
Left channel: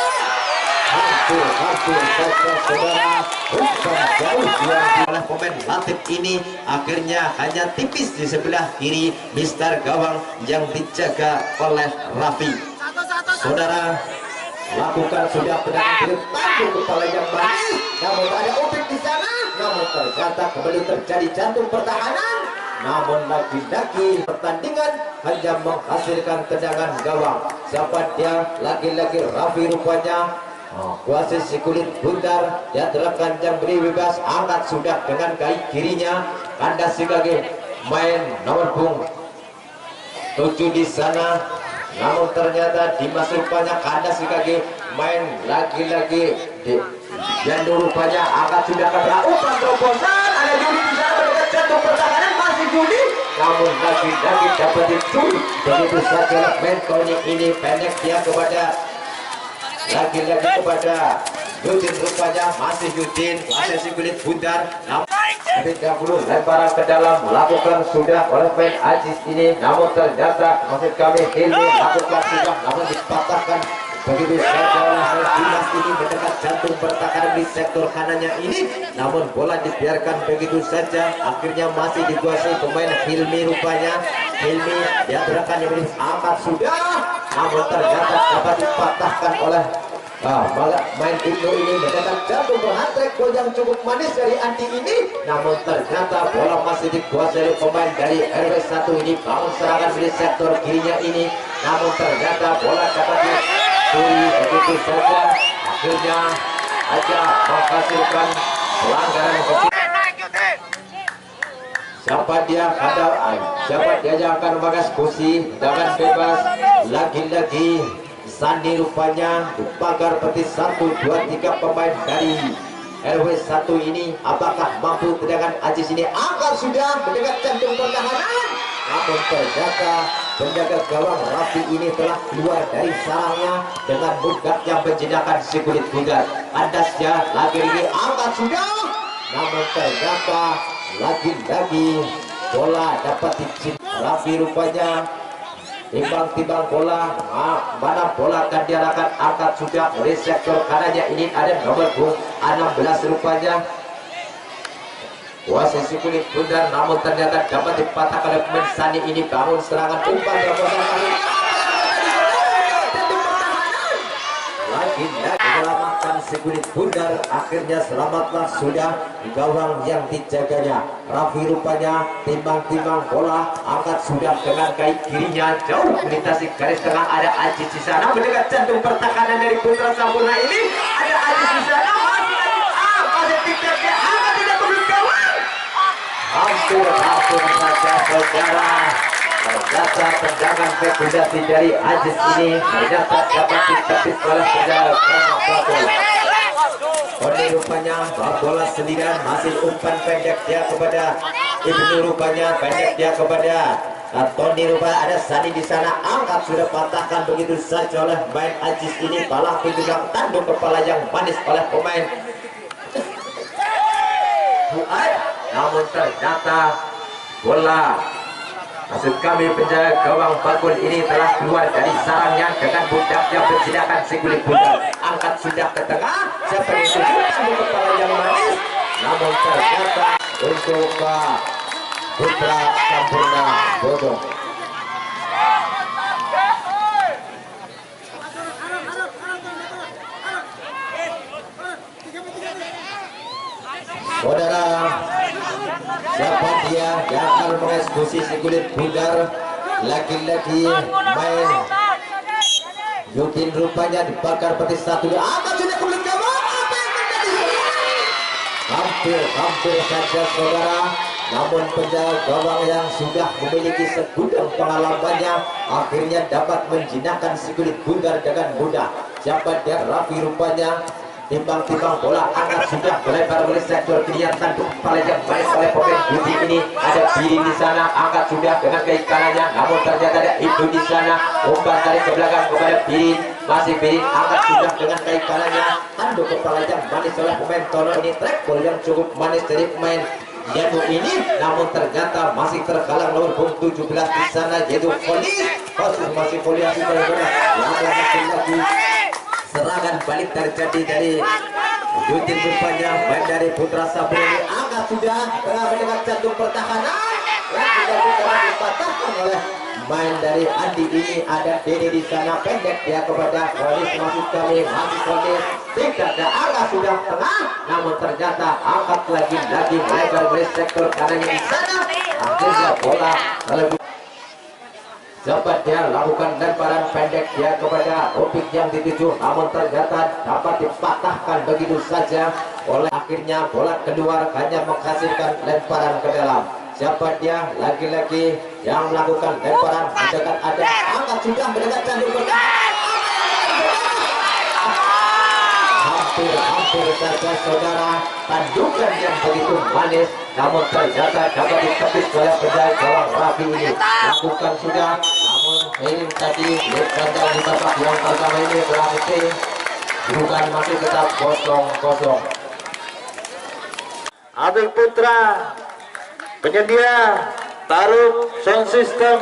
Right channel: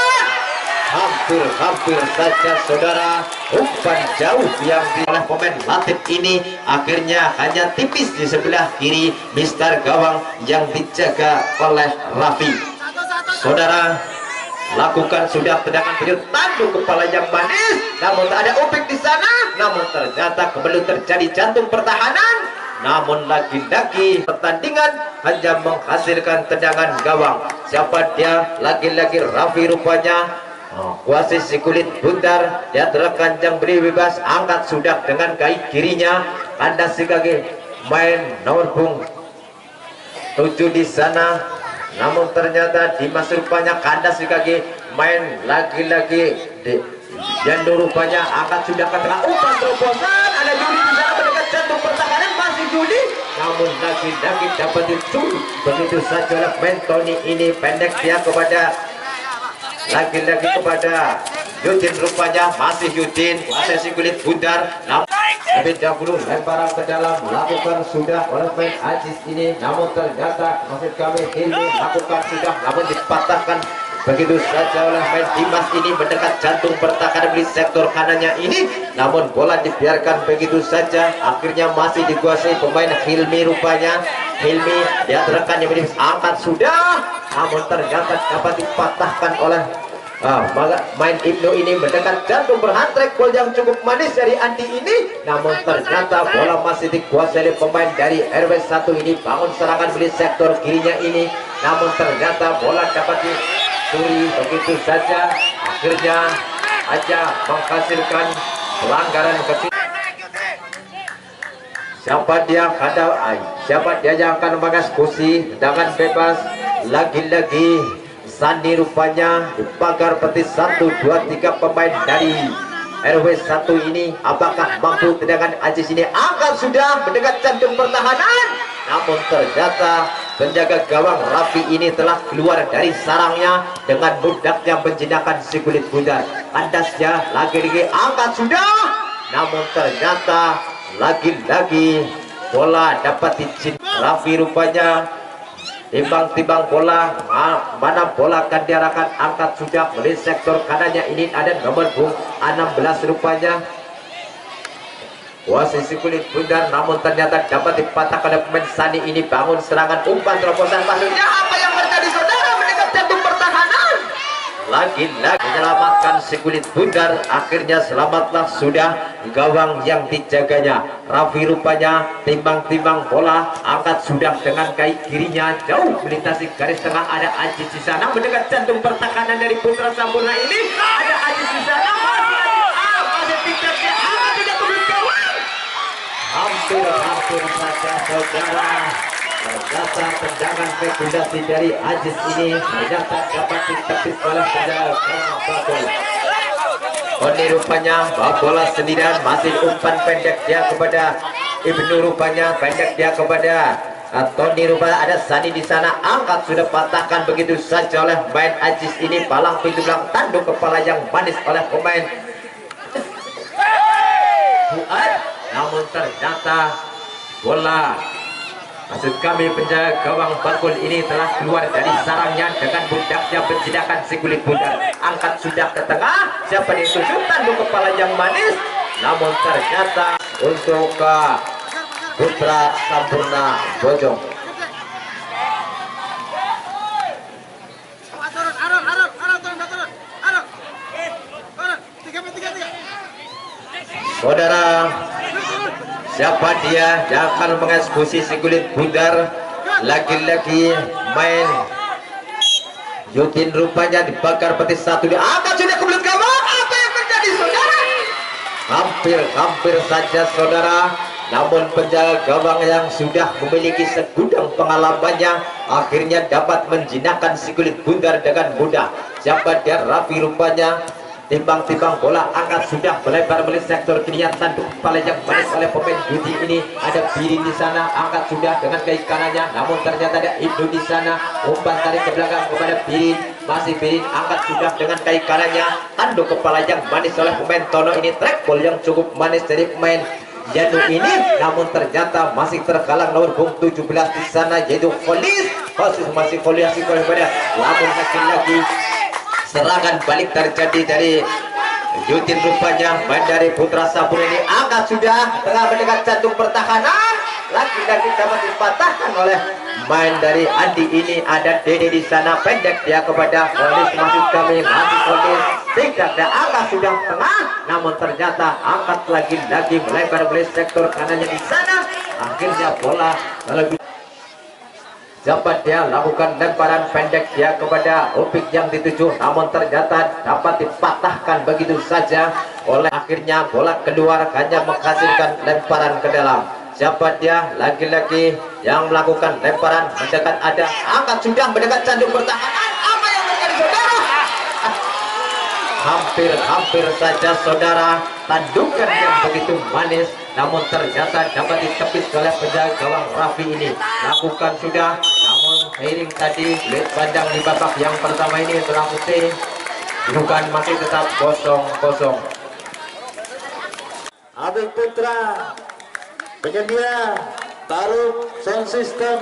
Hampir saja saudara, umpan jauh yang oleh pemain Latif ini, akhirnya hanya tipis di sebelah kiri Mister gawang yang dijaga oleh Raffi. Saudara, lakukan sudah tendangan kiri, tanduk kepala yang manis, namun tak ada Opik di sana, namun ternyata kembali terjadi jantung pertahanan, namun lagi-lagi pertandingan hanya menghasilkan tendangan gawang. Siapa dia? Lagi-lagi Raffi, rupanya kuasai si kulit bundar dia terangkan yang beri bebas, angkat sudah dengan kaki kirinya, kandas si kaki main nomor punggung 7 di sana, namun ternyata Dimas, rupanya kandas si kaki main lagi-lagi Janur, rupanya angkat sudah ke tengah, umpan terobosan, ada Yudi di sana mendekat jantung pertahanan, masih Yudi, namun lagi-lagi dapat dicuri begitu saja oleh main Tony ini, pendek dia kepada lagi-lagi kepada Yudin, rupanya masih Yudin kuasai si kulit bundar, namun lebih dahulu lemparan ke dalam melakukan sudah oleh pemain Aziz ini, namun ternyata maksud kami ini lakukan sudah namun dipatahkan begitu saja oleh pemain Dimas ini mendekat jantung pertahanan di sektor kanannya ini, namun bola dibiarkan begitu saja, akhirnya masih dikuasai pemain Hilmi. Rupanya Hilmi dia rekannya menjadi angkat sudah, namun ternyata dapat dipatahkan oleh main Ibnu ini mendekat jantung berhat-trick gol yang cukup manis dari Andi ini, namun ternyata bola masih dikuasai oleh pemain dari RW1 ini. Bangun serangan di sektor kirinya ini, namun ternyata bola dapat dicuri begitu saja, akhirnya aja menghasilkan pelanggaran kecil. Siapa dia yang akan mengeksekusi dengan bebas? Lagi-lagi Sandi rupanya di pagar peti 1, 2, 3 pemain dari RW1 ini. Apakah mampu dengan Aziz ini? Angkat sudah mendekat jantung pertahanan, namun ternyata penjaga gawang Raffi ini telah keluar dari sarangnya dengan mudahnya menjinakkan si kulit bundar. Andasnya lagi-lagi angkat sudah, namun ternyata lagi-lagi bola dapat dicintai Raffi. Rupanya timbang-timbang bola, mana bola akan diarahkan, angkat sudah dari sektor kanannya ini ada nomor 16 rupanya posisi kulit bundar, namun ternyata dapat dipatahkan oleh pemain Sani ini. Bangun serangan umpan terobosan pasirnya, apa yang terjadi saudara? Mendekat jantung pertahanan, lagi-lagi menyelamatkan si kulit bundar, akhirnya selamatlah sudah gawang yang dijaganya Raffi. Rupanya timbang-timbang bola, angkat sudah dengan kaki kirinya jauh melintasi garis tengah, ada Aziz di sana mendekat jantung pertahanan dari Putra Sampurna ini, ada Aziz di sana, masih Aziz masih tiketnya angkat tidak turun gawang, hampir saja saudara. Ternyata tendangan spekulasi dari Aziz ini ternyata dapat ditepis oleh penjaga gawang. Ini rupanya bola sendirian, masih umpan pendek dia kepada Ibnu. Rupanya pendek dia kepada Tony. Rupanya ada Sani di sana, angkat sudah patahkan begitu saja oleh main Aziz ini. Palang tujuh tanduk kepala yang manis oleh pemain Fuad, namun ternyata bola maksud kami penjaga gawang Bakul ini telah keluar dari sarangnya dengan budaknya menjinakkan si kulit bundar. Angkat sudah ke tengah, siapa yang tujukan di kepala yang manis, namun ternyata untuk Putra Sampurna Bojong. Saudara, siapa dia yang akan mengeksekusi si kulit bundar? Lagi-lagi main Yutin rupanya dibakar peti 1, angkat sudah ke kulit gawang. Apa yang terjadi saudara? Hampir saja saudara, namun penjaga gawang yang sudah memiliki segudang pengalamannya akhirnya dapat menjinakkan si kulit bundar dengan mudah. Siapa dia? Raffi rupanya timbang-timbang bola, angkat sudah melebar oleh sektor kirinya, tanduk kepala yang manis oleh pemain Budi ini. Ada Birin di sana, angkat sudah dengan kaki kanannya, namun ternyata ada Ibnu di sana, umpan tarik ke belakang kepada Birin, masih Birin angkat sudah dengan kaki kanannya, tanduk kepala yang manis oleh pemain Tono ini. Track ball yang cukup manis dari pemain Janu ini, namun ternyata masih terhalang nomor 17 di sana, yaitu Folis. Masih Folis kepada, namun lagi serangan balik terjadi dari Yutin. Rupanya main dari Putra Sampurna ini, angkat sudah tengah mendekat jantung pertahanan, lagi-lagi dapat dipatahkan oleh main dari Andi ini. Ada Dede di sana, pendek dia kepada Folis, masih kami masih Folis, tidak ada, angkat sudah tengah, namun ternyata angkat lagi-lagi melebar dari sektor kanannya di sana, akhirnya bola lebih. Dapat dia lakukan lemparan pendek dia kepada Opik yang dituju, namun ternyata dapat dipatahkan begitu saja oleh, akhirnya bola keluar hanya menghasilkan lemparan ke dalam. Siapa dia? Lagi-lagi yang melakukan lemparan mendekat, ada angkat sudah mendekat jantung pertahanan. Apa yang terjadi? Hampir saja saudara, tandukan yang begitu manis, namun ternyata dapat ditepis oleh penjaga gawang Raffi ini. Lakukan sudah, namun miring tadi lihat kandang di babak yang pertama ini berhasil, bukan masih tetap kosong. Abel Putra, penyedia taruh sound system,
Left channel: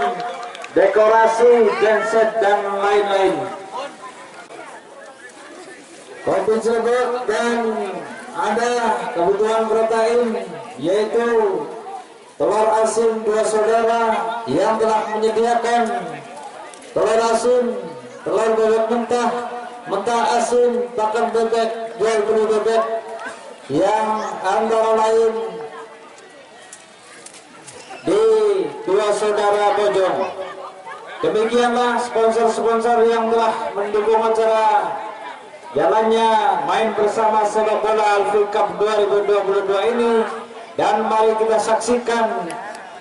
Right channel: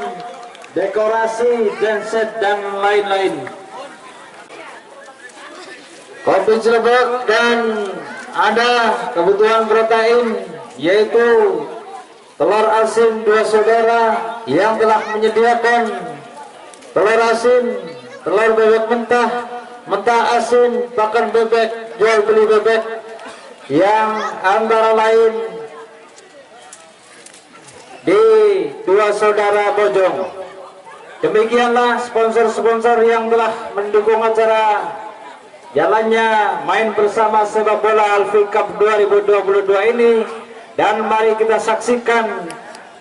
dekorasi, genset dan lain-lain. Kopi Cirebon dan ada kebutuhan protein yaitu telur asin 2 saudara yang telah menyediakan telur asin, telur bebek mentah, mentah asin, pakan bebek, jual beli bebek yang antara lain di 2 saudara Bojong. Demikianlah sponsor-sponsor yang telah mendukung acara jalannya main bersama sepak bola Alfi Cup 2022 ini. Dan mari kita saksikan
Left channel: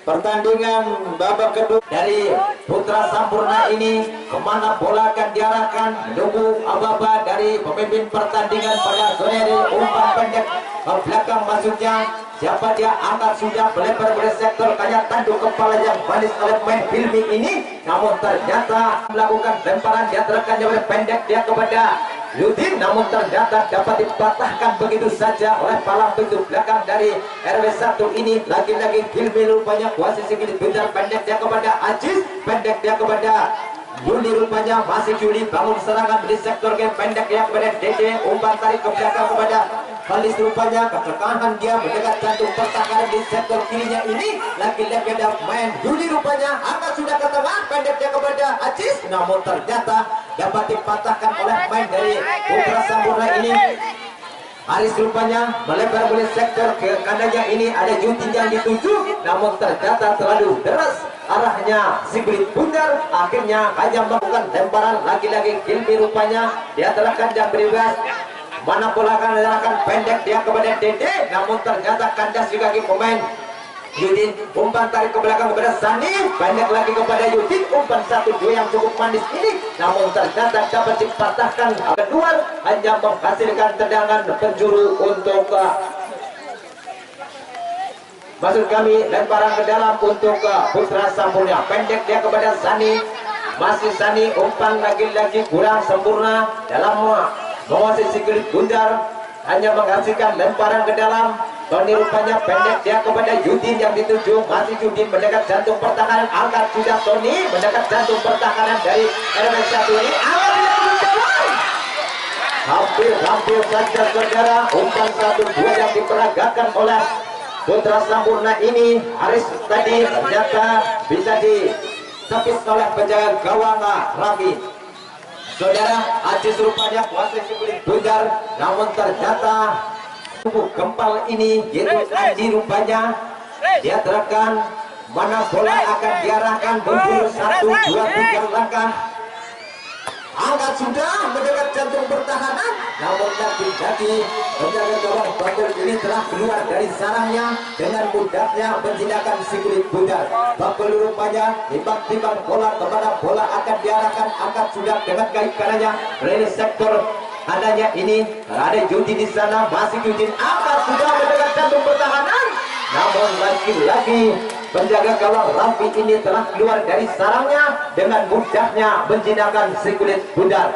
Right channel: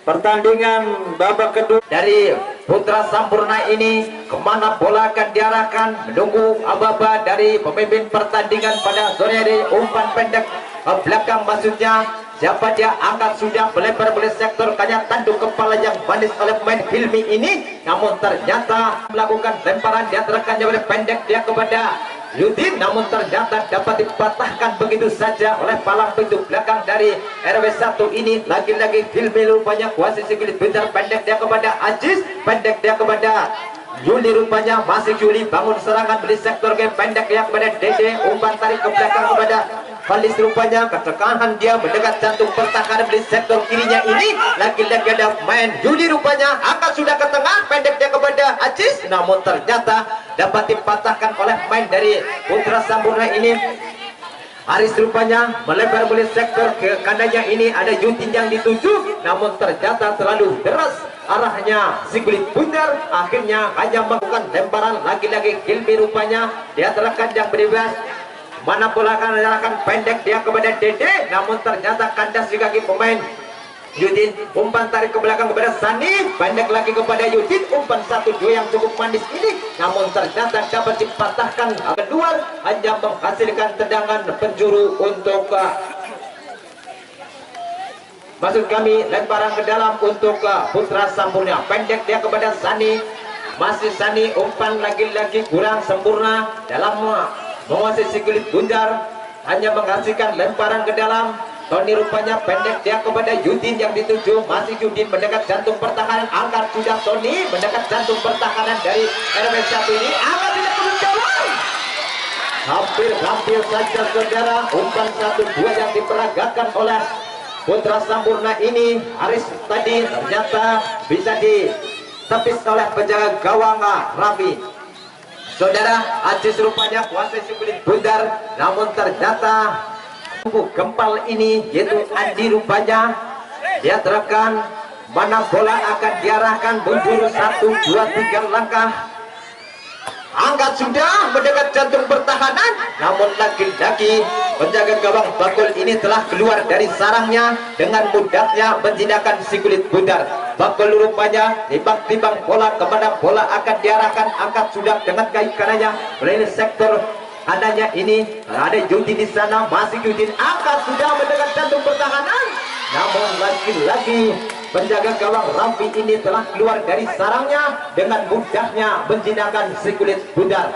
pertandingan babak kedua dari Putra Sampurna ini. Kemana bola akan diarahkan, menunggu aba-aba dari pemimpin pertandingan pada sore hari. Umpan pendek ke belakang maksudnya, siapa dia, angkat sudah melebar oleh sektor kanya, tanduk kepala yang manis oleh pemain Hilmi ini, namun ternyata melakukan lemparan dia terekannya oleh pendek dia kepada Yudin, namun ternyata dapat dipatahkan begitu saja oleh palang pintu belakang dari RW1 ini. Lagi-lagi Hilmi rupanya kuasai sikit, bentar pendek dia kepada Aziz, pendek dia kepada Juli, rupanya masih Juli bangun serangan di sektor game, pendek dia kepada Dede, umpan tarik ke belakang kepada Falis, rupanya ketekanan dia mendekat jantung pertahanan di sektor kirinya ini. Lagi-lagi ada main Juli, rupanya angkat sudah ke tengah, pendek dia kepada Aziz, namun ternyata dapat dipatahkan oleh main dari Putra Sampurna ini. Aris rupanya melebar oleh sektor ke kanannya ini, ada Yudin yang dituju, namun ternyata terlalu deras arahnya si kulit bundar, akhirnya hanya melakukan lemparan. Lagi-lagi Hilmi rupanya dia terlekat yang bebas, mana bola akan diarahkan, pendek dia kepada Dede, namun ternyata kandas di kaki pemain Yudin. Umpan tarik ke belakang kepada Sani, pendek lagi kepada Yudin, umpan 1-2 yang cukup manis ini, namun ternyata dapat dipatahkan. Kedua hanya menghasilkan tendangan penjuru untuk maksud kami lemparan ke dalam untuk Putra Sampurna. Pendek dia kepada Sani, masih Sani, umpan lagi-lagi kurang sempurna dalam menguasai si kulit bundar, hanya menghasilkan lemparan ke dalam. Tony rupanya pendek dia kepada Yudin yang dituju, masih Yudin mendekat jantung pertahanan, angkat sudah Tony mendekat jantung pertahanan dari RW1 ini, angkat tidak berjalan. Hampir saja saudara, umpan 1-2 yang diperagakan oleh Putra Sampurna ini. Aris tadi ternyata bisa ditepis oleh penjaga gawang Raffi. Saudara, Aziz rupanya kuasai si kulit bundar, namun ternyata tubuh gempal ini yaitu Andi rupanya dia terekan, mana bola akan diarahkan, mundur 1, 2, 3 langkah, angkat sudah mendekat jantung pertahanan, namun lagi-lagi penjaga gawang Bakul ini telah keluar dari sarangnya dengan mudahnya menjinakkan si kulit bundar. Bakul rupanya timbang-timbang bola kemana bola akan diarahkan, angkat sudah dengan kaki kanannya dari sektor adanya ini, ada Yudin di sana, masih Yudin, angkat sudah mendekat jantung pertahanan, namun lagi-lagi penjaga gawang Raffi ini telah keluar dari sarangnya dengan mudahnya menjinakkan si kulit bundar.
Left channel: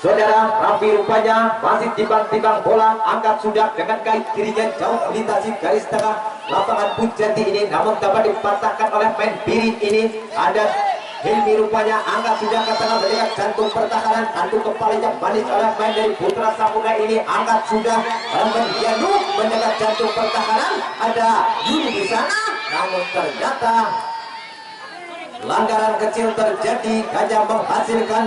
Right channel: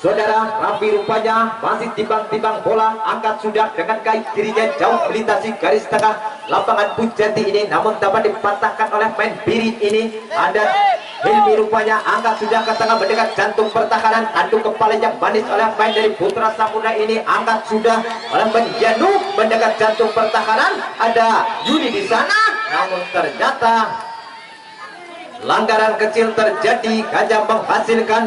Saudara, Raffi rupanya masih timbang-timbang bola, angkat sudah dengan kaki kirinya jauh melintasi garis tengah lapangan Pujati ini, namun dapat dipatahkan oleh main Birit ini. Ada Hilmi rupanya angkat sudah ke tengah mendekat jantung pertahanan, tanduk kepala yang manis oleh main dari Putra Sampurna ini, angkat sudah oleh Menjanu mendekat jantung pertahanan, ada Yudi di sana, namun ternyata pelanggaran kecil terjadi hanya menghasilkan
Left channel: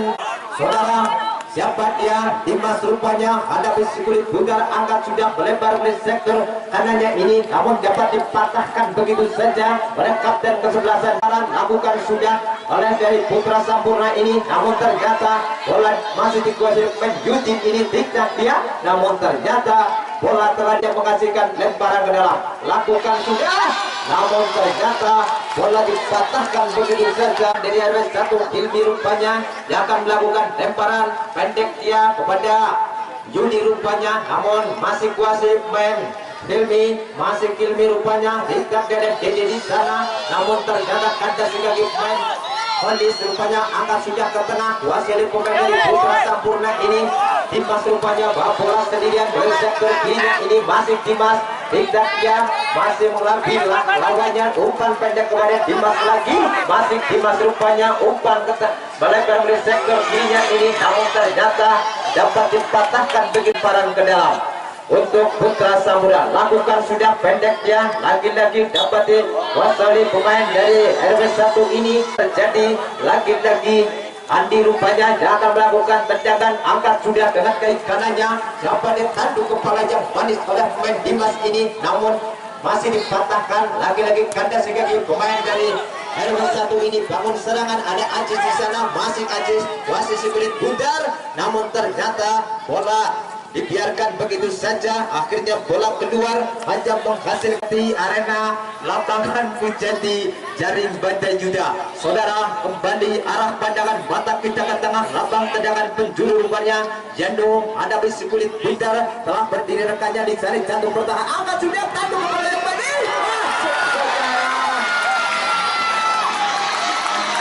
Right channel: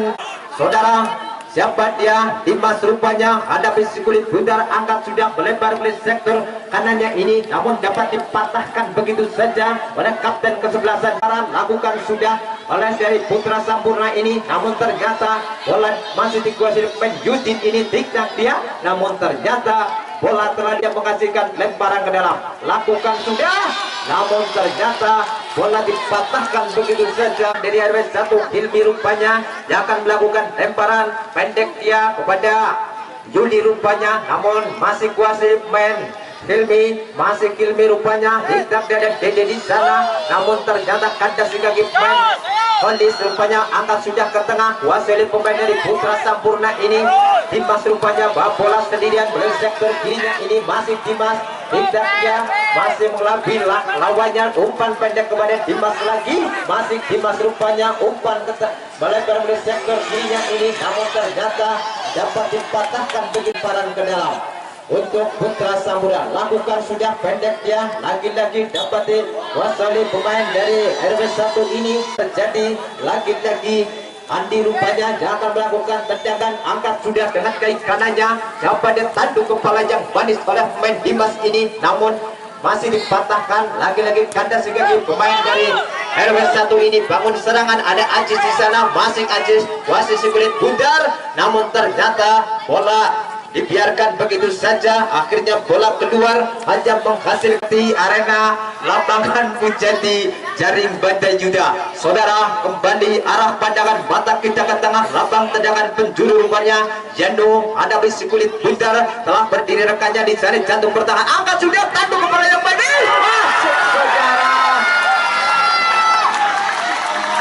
saudara. Siapa dia? Dimas rupanya hadapi si kulit bundar, angkat sudah melebar oleh sektor kanannya ini, namun dapat dipatahkan begitu saja oleh kapten kesebelasan. Lakukan sudah oleh dari Putra Sampurna ini, namun ternyata bola masih dikuasai pemain Yudin ini, tiknak dia, namun ternyata bola telah dia menghasilkan lemparan ke dalam. Lakukan sudah, namun ternyata bola dipatahkan begitu saja dari RW1. Hilmi rupanya dia akan melakukan lemparan pendek dia kepada Juli rupanya, namun masih kuasai main Hilmi, masih Hilmi rupanya tidak ada Dede di sana, namun ternyata kandas di kaki main Kondis rupanya angkat sudah ke tengah, kuasai pemain dari Putra Sampurna ini. Dimas rupanya bawa bola sendirian dari sektor kirinya ini, masih Dimas. Tidak, dia masih mengambil lawannya, umpan pendek kepada Dimas lagi, masih Dimas rupanya umpan melebar dari sektor kirinya ini, namun ternyata dapat dipatahkan begitu paran ke dalam. Untuk Putra Samudra lakukan sudah pendek dia, lagi-lagi dapat dikuasai pemain dari RW1 ini. Terjadi lagi-lagi Andi rupanya akan melakukan tendangan, angkat sudah dengan kaki kanannya, dapat ditanduk kepala yang manis oleh pemain Dimas ini, namun masih dipatahkan. Lagi-lagi kandas kaki pemain dari RW1 ini. Bangun serangan, ada Ajis di sana, masih Ajis kuasai kulit bundar, namun ternyata bola dibiarkan begitu saja. Akhirnya bola keluar, hanya menghasilkan di arena lapangan menjadi jaring Banda Yuda. Saudara, kembali arah pandangan mata kita ke tengah lapang, tendangan penjuru rupanya Jando ada besi kulit bundar, telah berdiri rekannya di jaring jantung pertahanan, angkat sudah tanduk kepala yang manis.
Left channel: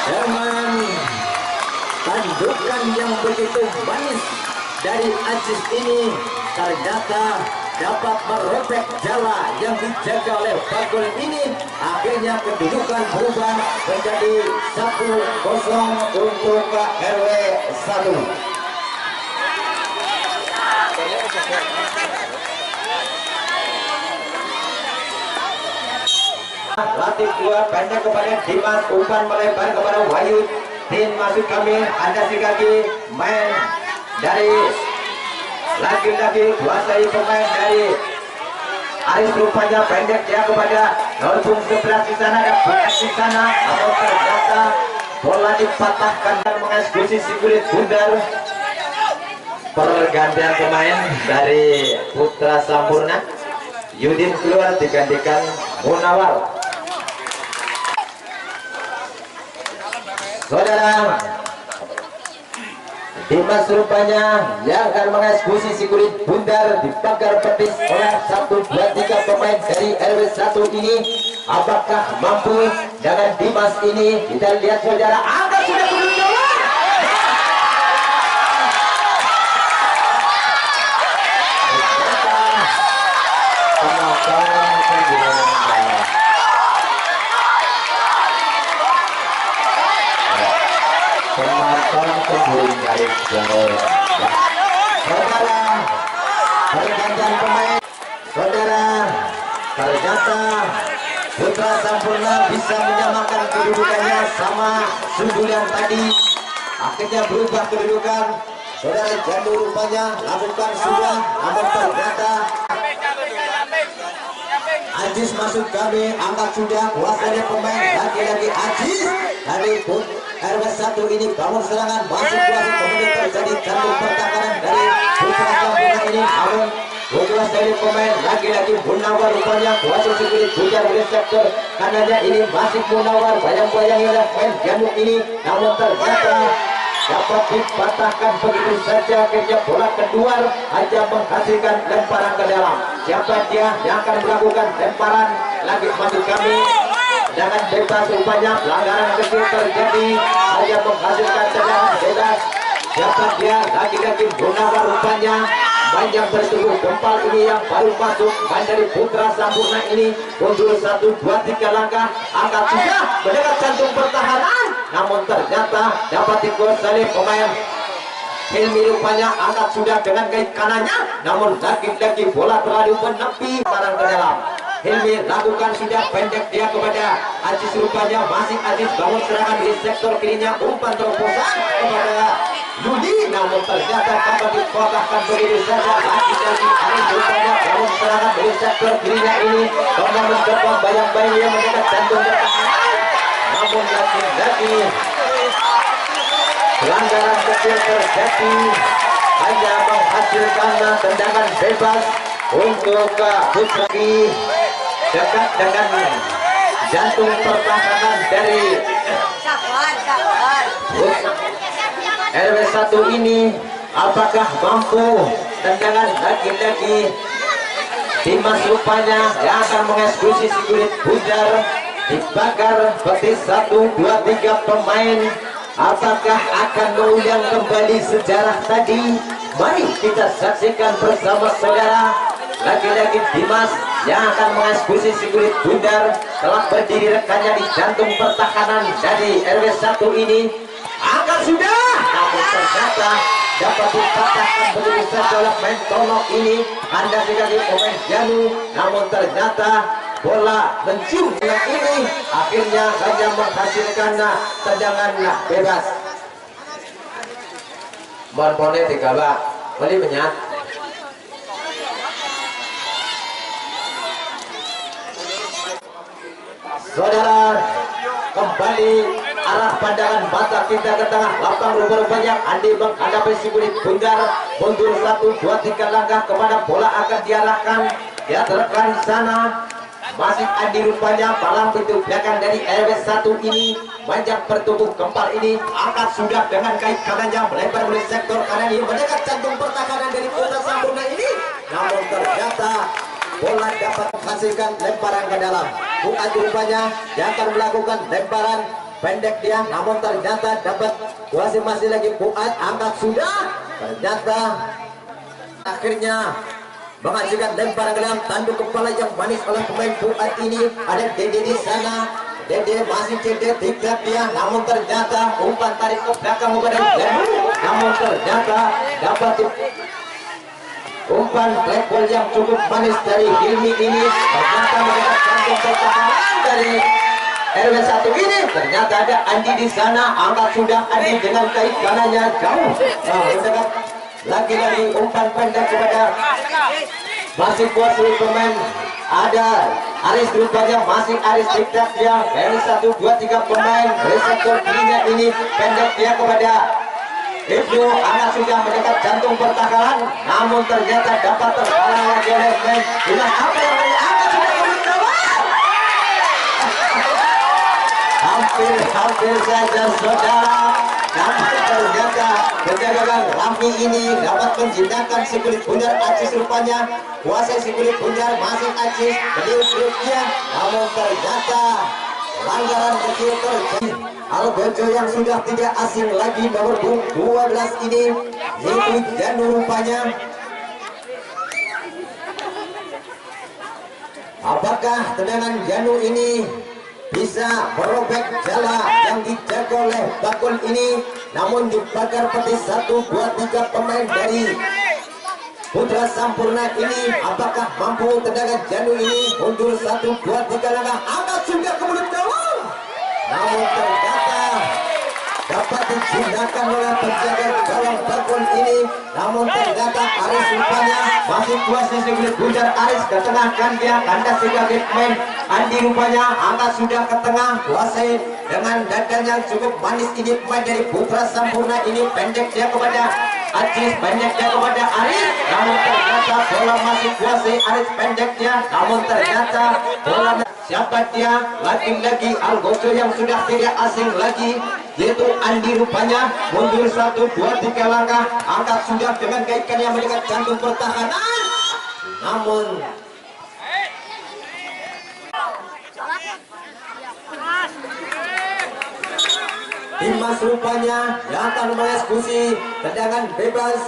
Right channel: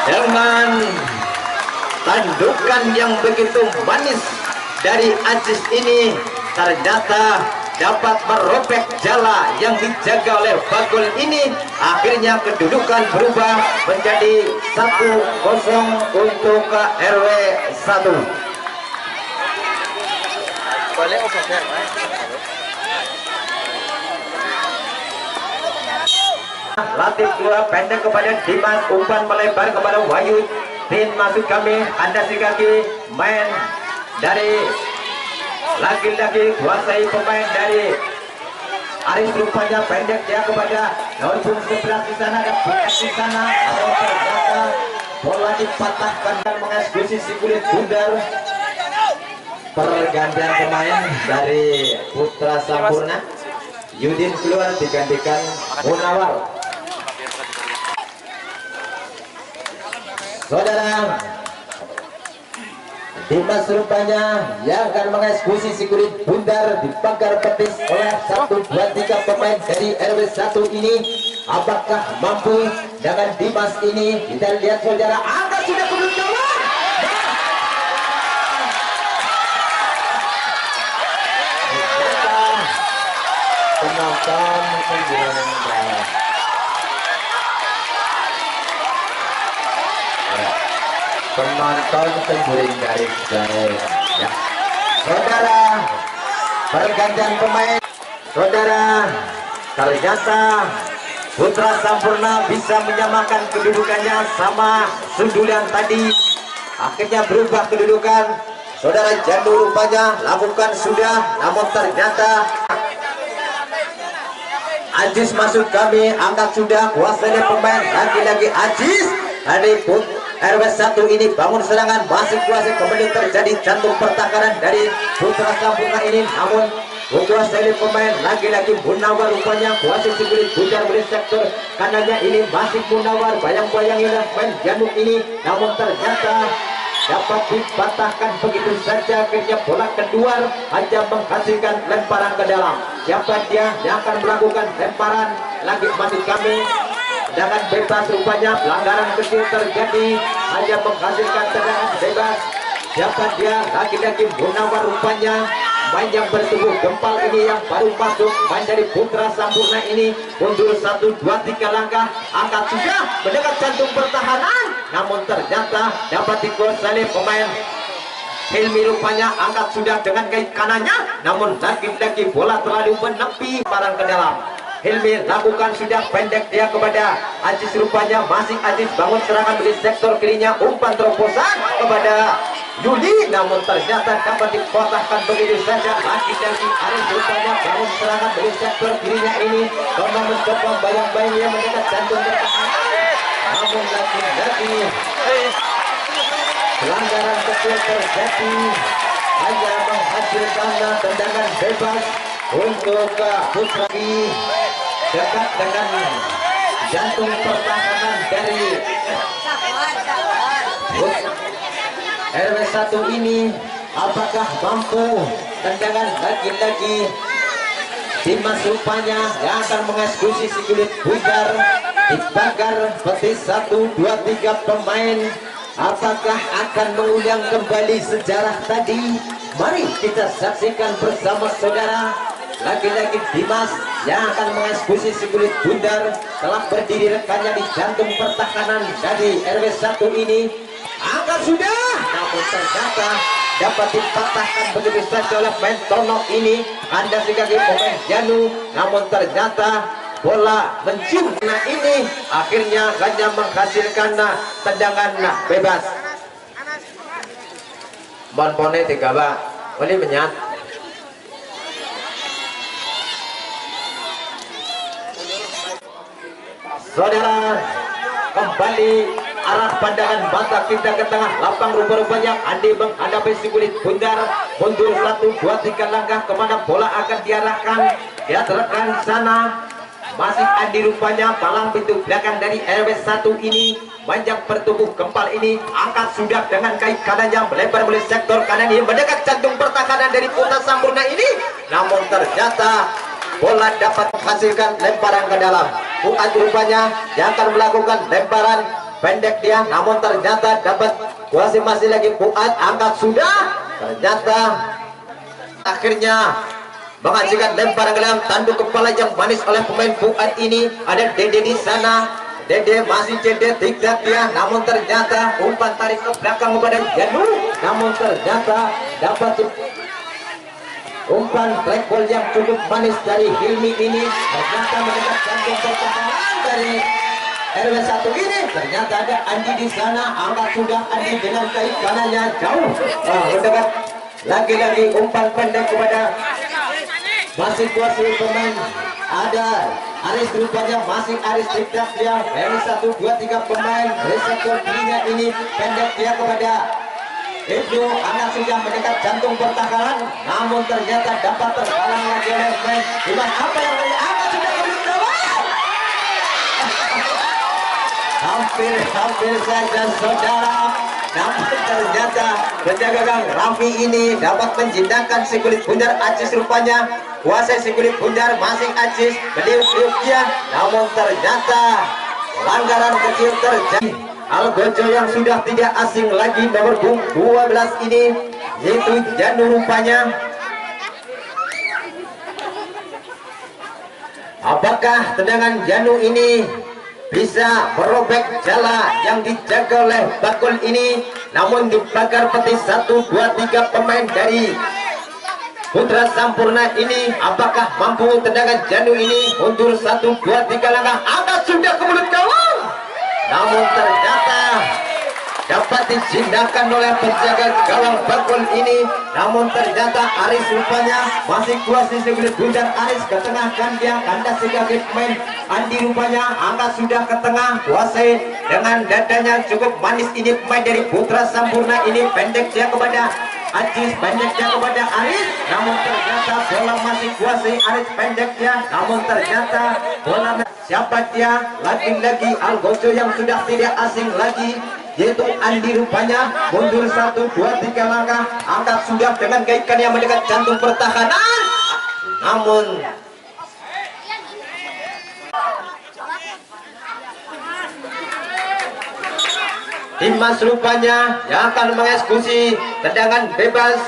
Dengan tandukan yang begitu manis dari Ajis ini, ternyata dapat merobek jala yang dijaga oleh Bagol ini. Akhirnya kedudukan berubah menjadi 1-0 untuk RW1. Latih keluar pendek kepada Dimas, umpan melebar kepada Wahyu. Tin masuk kami, anda si kaki main dari lagi-lagi kuasai pemain dari Aris rupanya pendek dia kepada nomor 11 di sana, ada buat di sana, atau ternyata bola dipatahkan dan mengeksekusi si kulit bundar. Pergantian pemain dari Putra Sampurna, Yudin keluar digantikan Munawar. Saudara, Dimas rupanya yang akan mengeksekusi si kulit bundar di pagar petis oleh 1, 2, 3 pemain dari RW1 ini. Apakah mampu dengan Dimas ini? Kita lihat saudara, angkat sudah kedudukan. Penonton penjuring dari jauh ya. Saudara, pergantian pemain. Saudara, ternyata Putra Sampurna bisa menyamakan kedudukannya sama sundulan tadi. Akhirnya berubah kedudukan. Saudara, Jandu rupanya lakukan sudah, namun ternyata Ajis masuk kami, angkat sudah, kuasanya pemain, lagi-lagi Ajis. Tadi pun RW1 ini bangun serangan, masih kuasai, kemudian terjadi jantung pertahanan dari Putra Sampurna ini, namun kuasai pemain, lagi-lagi Munawar rupanya kuasai kulit bundar oleh sektor kanannya ini, masih Munawar bayang-bayang oleh main Jantung ini, namun ternyata dapat dipatahkan begitu saja. Akhirnya bola keluar, hanya menghasilkan lemparan ke dalam. Siapa dia yang akan melakukan lemparan? Lagi masih kami dengan bebas rupanya, pelanggaran kecil terjadi, hanya menghasilkan tendangan bebas. Siapa dia? Lagi-lagi Munawar rupanya main yang bertubuh gempal ini yang baru masuk, main dari Putra Sampurna ini mundur 1, 2, 3 langkah, angkat sudah mendekat jantung pertahanan, namun ternyata dapat dikuasai pemain Hilmi rupanya, angkat sudah dengan kaki kanannya, namun lagi-lagi bola terlalu menepi barang ke dalam. Hilmi lakukan sudah pendek dia kepada Ajis rupanya, masih Ajis bangun serangan di sektor kirinya, umpan terobosan kepada Yudi, namun ternyata dapat dipatahkan begitu saja. Lagi-lagi Arif rupanya bangun serangan di sektor kirinya ini, karena mencoba bayang-bayang yang mendekat jantung pertahanan, namun lagi-lagi pelanggaran kecil terjadi, hanya menghasilkan tendangan bebas untuk Putra dekat dengan jantung pertahanan dari RW1 ini. Apakah mampu tendangan lagi-lagi Dimas rupanya yang akan mengeksekusi si kulit bundar, dibakar seperti 1, 2, 3 pemain. Apakah akan mengulang kembali sejarah tadi? Mari kita saksikan bersama saudara. Lagi-lagi Dimas yang akan mengeksekusi si kulit bundar. Telah berdiri rekannya di jantung pertahanan dari RW1 ini. Angkat sudah, namun ternyata dapat dipatahkan begitu saja oleh pemain Tono ini. Anda kaki pemain Janu, namun ternyata bola mencium ini akhirnya hanya menghasilkan tendangan bebas. Bonpone tiga bak, boleh menyat. Saudara, kembali arah pandangan mata kita ke tengah lapang. Rupa-rupanya Andi menghadapi si kulit bundar. Mundur 1, 2, 3 langkah kemana bola akan diarahkan. Dia terkan sana. Masih Andi rupanya palang pintu belakang dari RW1 ini. Panjang bertubuh gempal ini. Angkat sudah dengan kaki kanannya melebar mulai sektor kanan ini. Mendekat jantung pertahanan dari Putra Sampurna ini. Namun ternyata bola dapat menghasilkan lemparan ke dalam. Fuad rupanya yang akan melakukan lemparan pendek dia. Namun ternyata dapat masih lagi Fuad. Angkat sudah. Ternyata akhirnya menghasilkan lemparan ke dalam. Tanduk kepala yang manis oleh pemain Fuad ini. Ada Dede di sana. Dede masih cedera tidak dia. Namun ternyata umpan tarik ke belakang kepada Janu. Namun ternyata dapat umpan black ball yang cukup manis dari Hilmi ini. Ternyata mendekat jantung pertahanan dari RW1 ini. Ternyata ada Andi di sana. Angkat sudah Andi dengan kaki kanannya jauh. Mendekat lagi-lagi umpan pendek kepada masih kuasai pemain. Ada Aris rupanya masih Aris tiktak dia dari 1, 2, 3 pemain reseptor kirinya ini pendek dia kepada Ibnu. Anak sudah mendekat jantung pertahanan, namun ternyata dapat terhalang lagi oleh pemain Dimas. Apa yang terjadi? Angkat sudah kemudian gawang. Hampir saja saudara. Namun ternyata penjaga gawang Raffi ini dapat menjinakkan si kulit bundar. Aziz rupanya kuasai si kulit bundar, masih Aziz meniup dia. Namun ternyata pelanggaran kecil terjadi. Algojo yang sudah tidak asing lagi nomor 12 ini yaitu Janu rupanya. Apakah tendangan Janu ini bisa merobek jala yang dijaga oleh bakul ini? Namun dibakar peti 1, 2, 3 pemain dari Putra Sampurna ini. Apakah mampu tendangan Janu ini? Mundur 1, 2, 3 langkah. Angkat sudah ke mulut gawang. Namun ternyata dapat dijinakkan oleh penjaga gawang bakul ini. Namun ternyata Aris rupanya masih kuasai sebelah bundar. Aris ke tengah kan dia kandas sebagai pemain Andi rupanya. Angkat sudah ke tengah kuasai dengan dadanya cukup manis ini pemain dari Putra Sampurna ini. Pendek dia kepada Aziz, pendek dia kepada Aris. Namun ternyata bola masih kuasai Aris, pendek dia. Namun ternyata bola siapa dia? Lagi-lagi Algojo yang sudah tidak asing lagi yaitu Andi rupanya. Mundur 1, 2, 3 langkah. Angkat sudah dengan gaikan yang mendekat jantung pertahanan. Namun Dimas rupanya yang akan mengeksekusi tendangan bebas.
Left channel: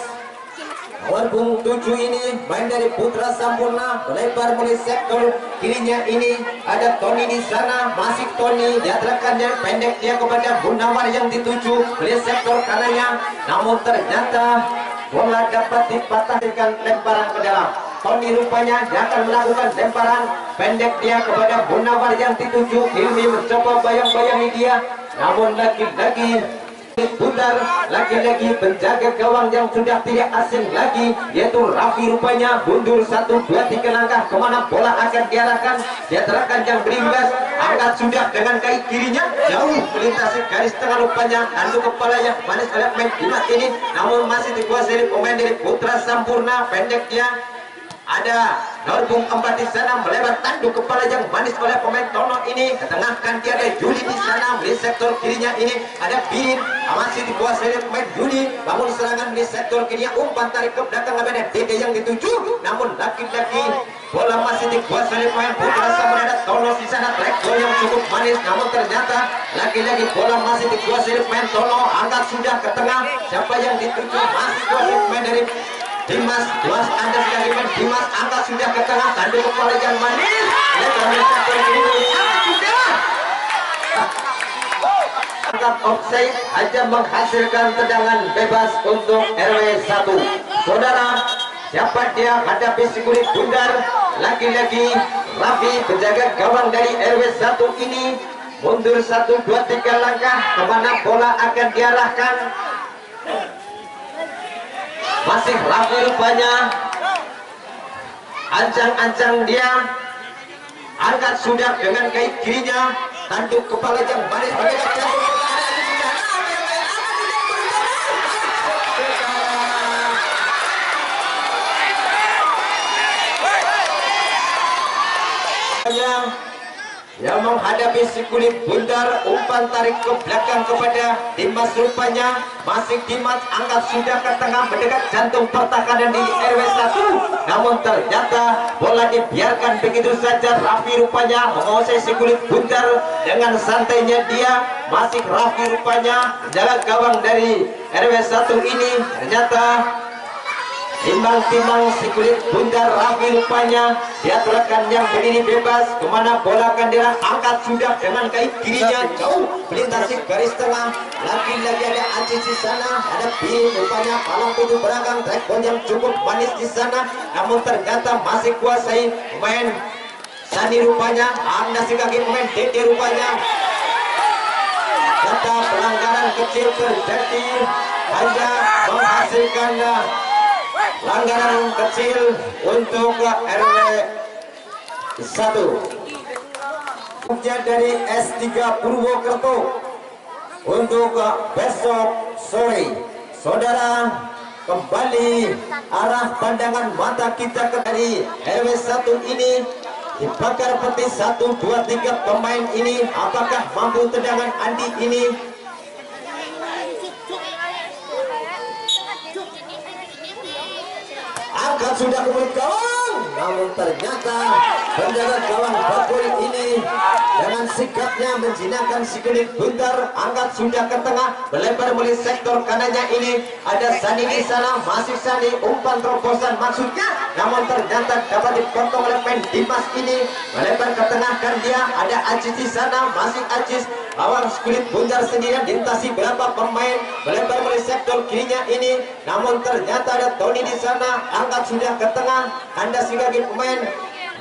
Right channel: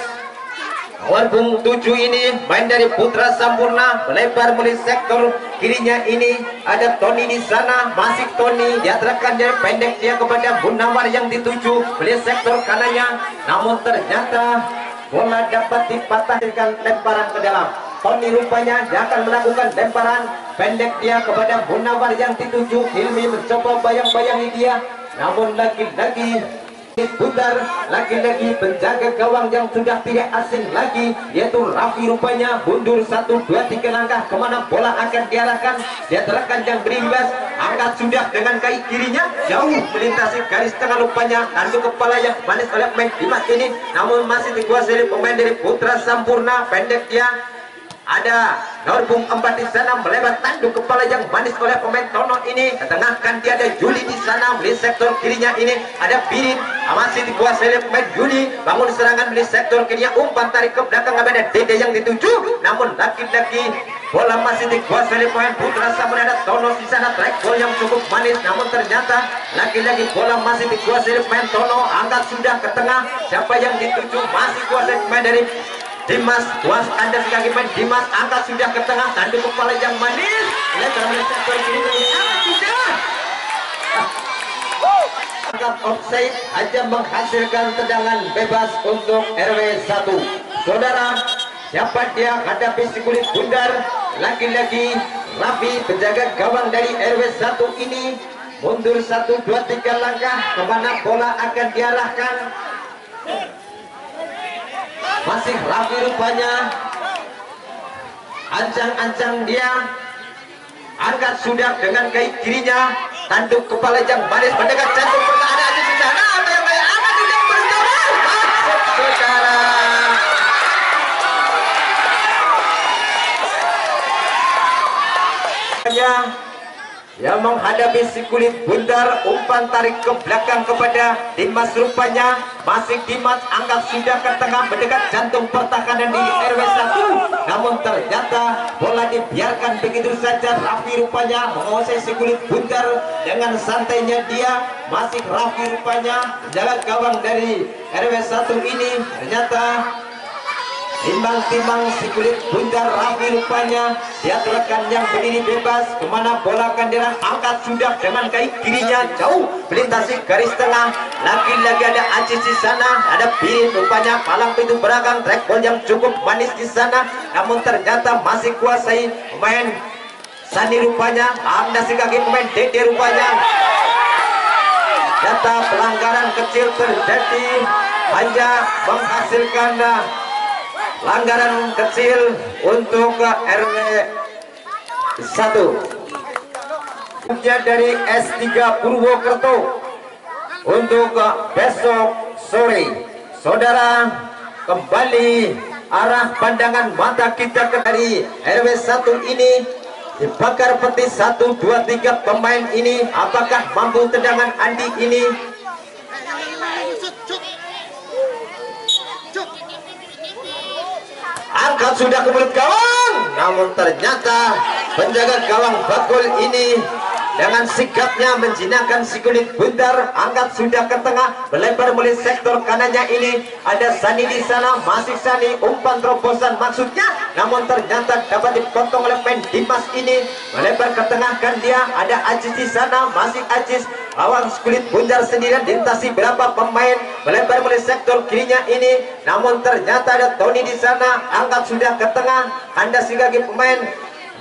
Nomor 7 ini main dari Putra Sampurna melebar mulai sektor kirinya ini. Ada Tony di sana, masih Tony dia terkan dari pendek dia kepada Munawar yang dituju mulai sektor kanannya. Namun ternyata bola dapat dipatahkan lemparan ke dalam. Tony rupanya dia akan melakukan lemparan pendek dia kepada Munawar yang dituju. Hilmi mencoba bayang-bayangi dia. Namun lagi-lagi bundar, lagi-lagi penjaga gawang yang sudah tidak asing lagi yaitu Raffi rupanya. Mundur 1, 2, 3 langkah kemana bola akan diarahkan. Dia terkan yang berimbas. Angkat sudah dengan kaki kirinya jauh melintasi garis tengah rupanya. Tanduk kepala yang manis oleh pemain Dimas ini. Namun masih dikuasai pemain dari Putra Sampurna. Pendek dia. Ada Norbung 4 di sana melebar tanduk kepala yang manis oleh pemain Tono ini. Ketengahkan dia ada Juli di sana di sektor kirinya ini. Ada Bin masih dikuasai oleh pemain Juli. Bangun serangan di sektor kirinya. Umpan tarik ke belakang ada Dede yang dituju. Namun lagi-lagi bola masih dikuasai pemain Putra Samudra. Ada Tono di sana, track ball yang cukup manis, namun ternyata lagi-lagi bola masih dikuasai pemain Tono. Angkat sudah ke tengah, siapa yang dituju? Masih kuasai pemain dari Dimas. Was ada sekali pemain Dimas, angkat sudah ke tengah, tanduk kepala yang manis. Lihat sektor kiri, angkat sudah. Angkat offside hanya menghasilkan tendangan bebas untuk RW 1. Saudara, siapa dia hadapi si kulit bundar? Lagi-lagi Raffi penjaga gawang dari RW 1 ini mundur 1, 2, 3 langkah. Kemana bola akan diarahkan? Masih Raffi rupanya, ancang-ancang dia, angkat sudah dengan kaki kirinya, tanduk kepala yang manis mendekat jantung pertahanan di sana. Apa yang akan tidak bertahan? Saudara, yang menghadapi si kulit bundar, umpan tarik ke belakang kepada Dimas rupanya. Masih Dimas, angkat sudah ke tengah mendekat jantung pertahanan di RW 1, namun ternyata bola dibiarkan begitu saja. Raffi rupanya menguasai si kulit bundar dengan santainya dia. Masih Raffi rupanya jaga gawang dari RW 1 ini, ternyata timbang-timbang si kulit bundar. Raffi rupanya dia rekan yang berdiri bebas. Kemana bola akan dirang? Angkat sudah dengan kaki kirinya, jauh melintasi garis tengah. Lagi-lagi ada Aziz di sana, ada Birin rupanya palang pintu belakang, track ball yang cukup manis di sana, namun ternyata masih kuasai pemain Sani rupanya. Anda si kaki pemain Dede rupanya. Data pelanggaran kecil terjadi, hanya menghasilkan pelanggaran kecil untuk RW 1 dari S3 Purwokerto untuk besok sore. Saudara, kembali arah pandangan mata kita ke dari RW 1 ini. Dibakar peti 1, 2, 3 pemain ini. Apakah mampu tendangan Andi ini? Angkat sudah ke mulut gawang, namun ternyata penjaga gawang Bakul ini dengan sikapnya menjinakkan si kulit bundar. Angkat sudah ke tengah, melebar melalui sektor kanannya ini. Ada Sani di sana, masih Sani, umpan terobosan maksudnya, namun ternyata dapat dipotong oleh pemain Dimas ini. Melebar ke tengah kan dia, ada Aziz di sana, masih Aziz. Awang kulit bundar sendirian dilintasi berapa pemain, melebar melalui sektor kirinya ini, namun ternyata ada Tony di sana. Angkat sudah ke tengah, Anda sebagai pemain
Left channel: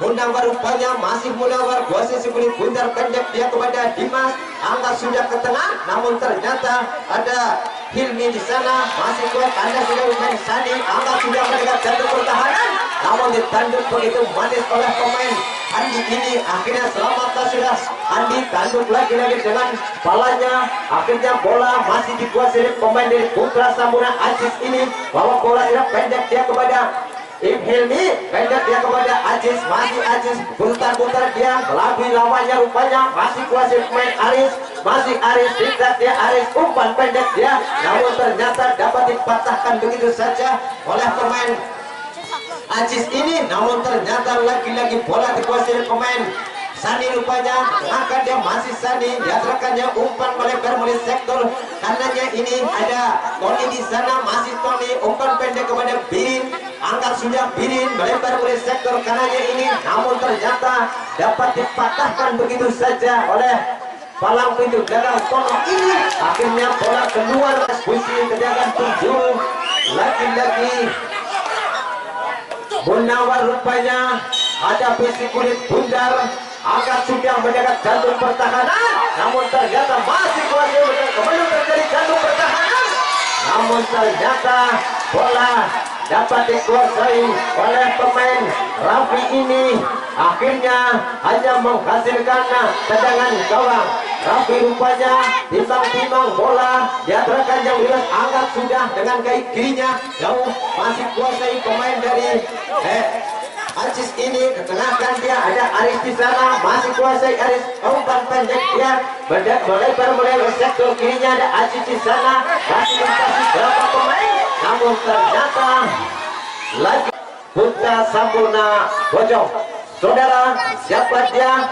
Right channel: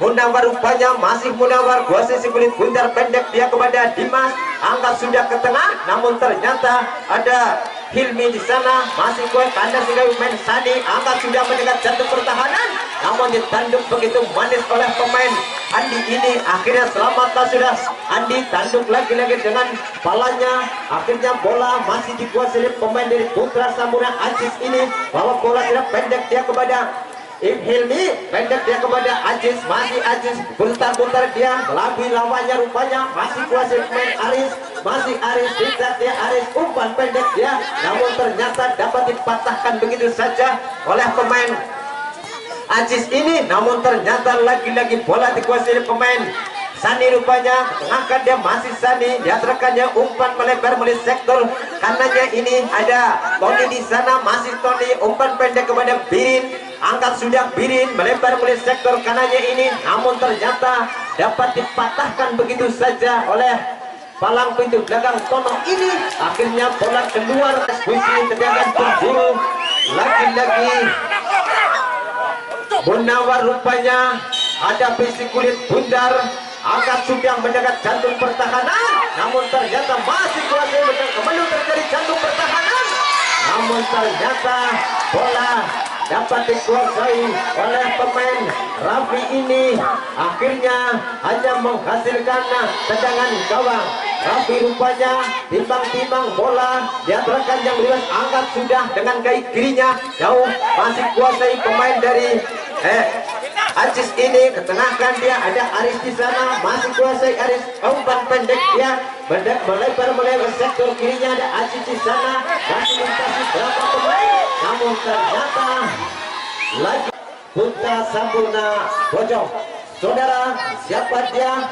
Munawar rupanya, masih Munawar kuasai si kulit bundar, pendek dia kepada Dimas. Angkat sudah ke tengah, namun ternyata ada Hilmi di sana, masih kuat Anda sebagai pemain Sani. Angkat sudah mendekat jantung pertahanan, namun ditanduk begitu manis oleh pemain Andi ini. Akhirnya selamat sudah Andi, tanduk lagi-lagi dengan kepalanya. Akhirnya bola masih dikuasai pemain dari Putra Samudra Aziz ini. Bawa bola tidak pendek dia kepada Hilmi, pendek dia kepada Aziz. Masih Aziz putar-putar dia melalui lawannya rupanya. Masih kuasai pemain Aris, masih Aris, tidak dia Aris, umpan pendek dia, namun ternyata dapat dipatahkan begitu saja oleh pemain Aziz ini. Namun ternyata lagi-lagi bola dikuasai pemain Sani rupanya. Tengahkan dia, masih Sani, dia rekannya umpan melebar melalui sektor kanannya ini. Ada Tony di sana, masih Tony, umpan pendek kepada Birin. Angkat sudah Birin, melebar melalui sektor kanannya ini, namun ternyata dapat dipatahkan begitu saja oleh palang pintu belakang Tono ini. Akhirnya bola keluar posisi tendangan penjuru. Lagi-lagi Munawar rupanya hadapi si kulit bundar. Angkat sudah mendekat jantung pertahanan, namun ternyata masih kuasai belum terjadi jantung pertahanan, namun ternyata bola dapat dikuasai oleh pemain Raffi ini. Akhirnya hanya menghasilkan tendangan gawang. Raffi rupanya timbang-timbang bola, dia rekan yang bebas. Angkat sudah dengan kaki kirinya, jauh masih kuasai pemain dari Aziz ini. Ketengahkan dia, ada Aris di sana, masih kuasai Aris, umpan pendek dia melebar melalui sektor kirinya. Ada Aziz di sana, masih melintasi berapa pemain, namun ternyata lagi Putra Sampurna Bojong. Saudara, siapa dia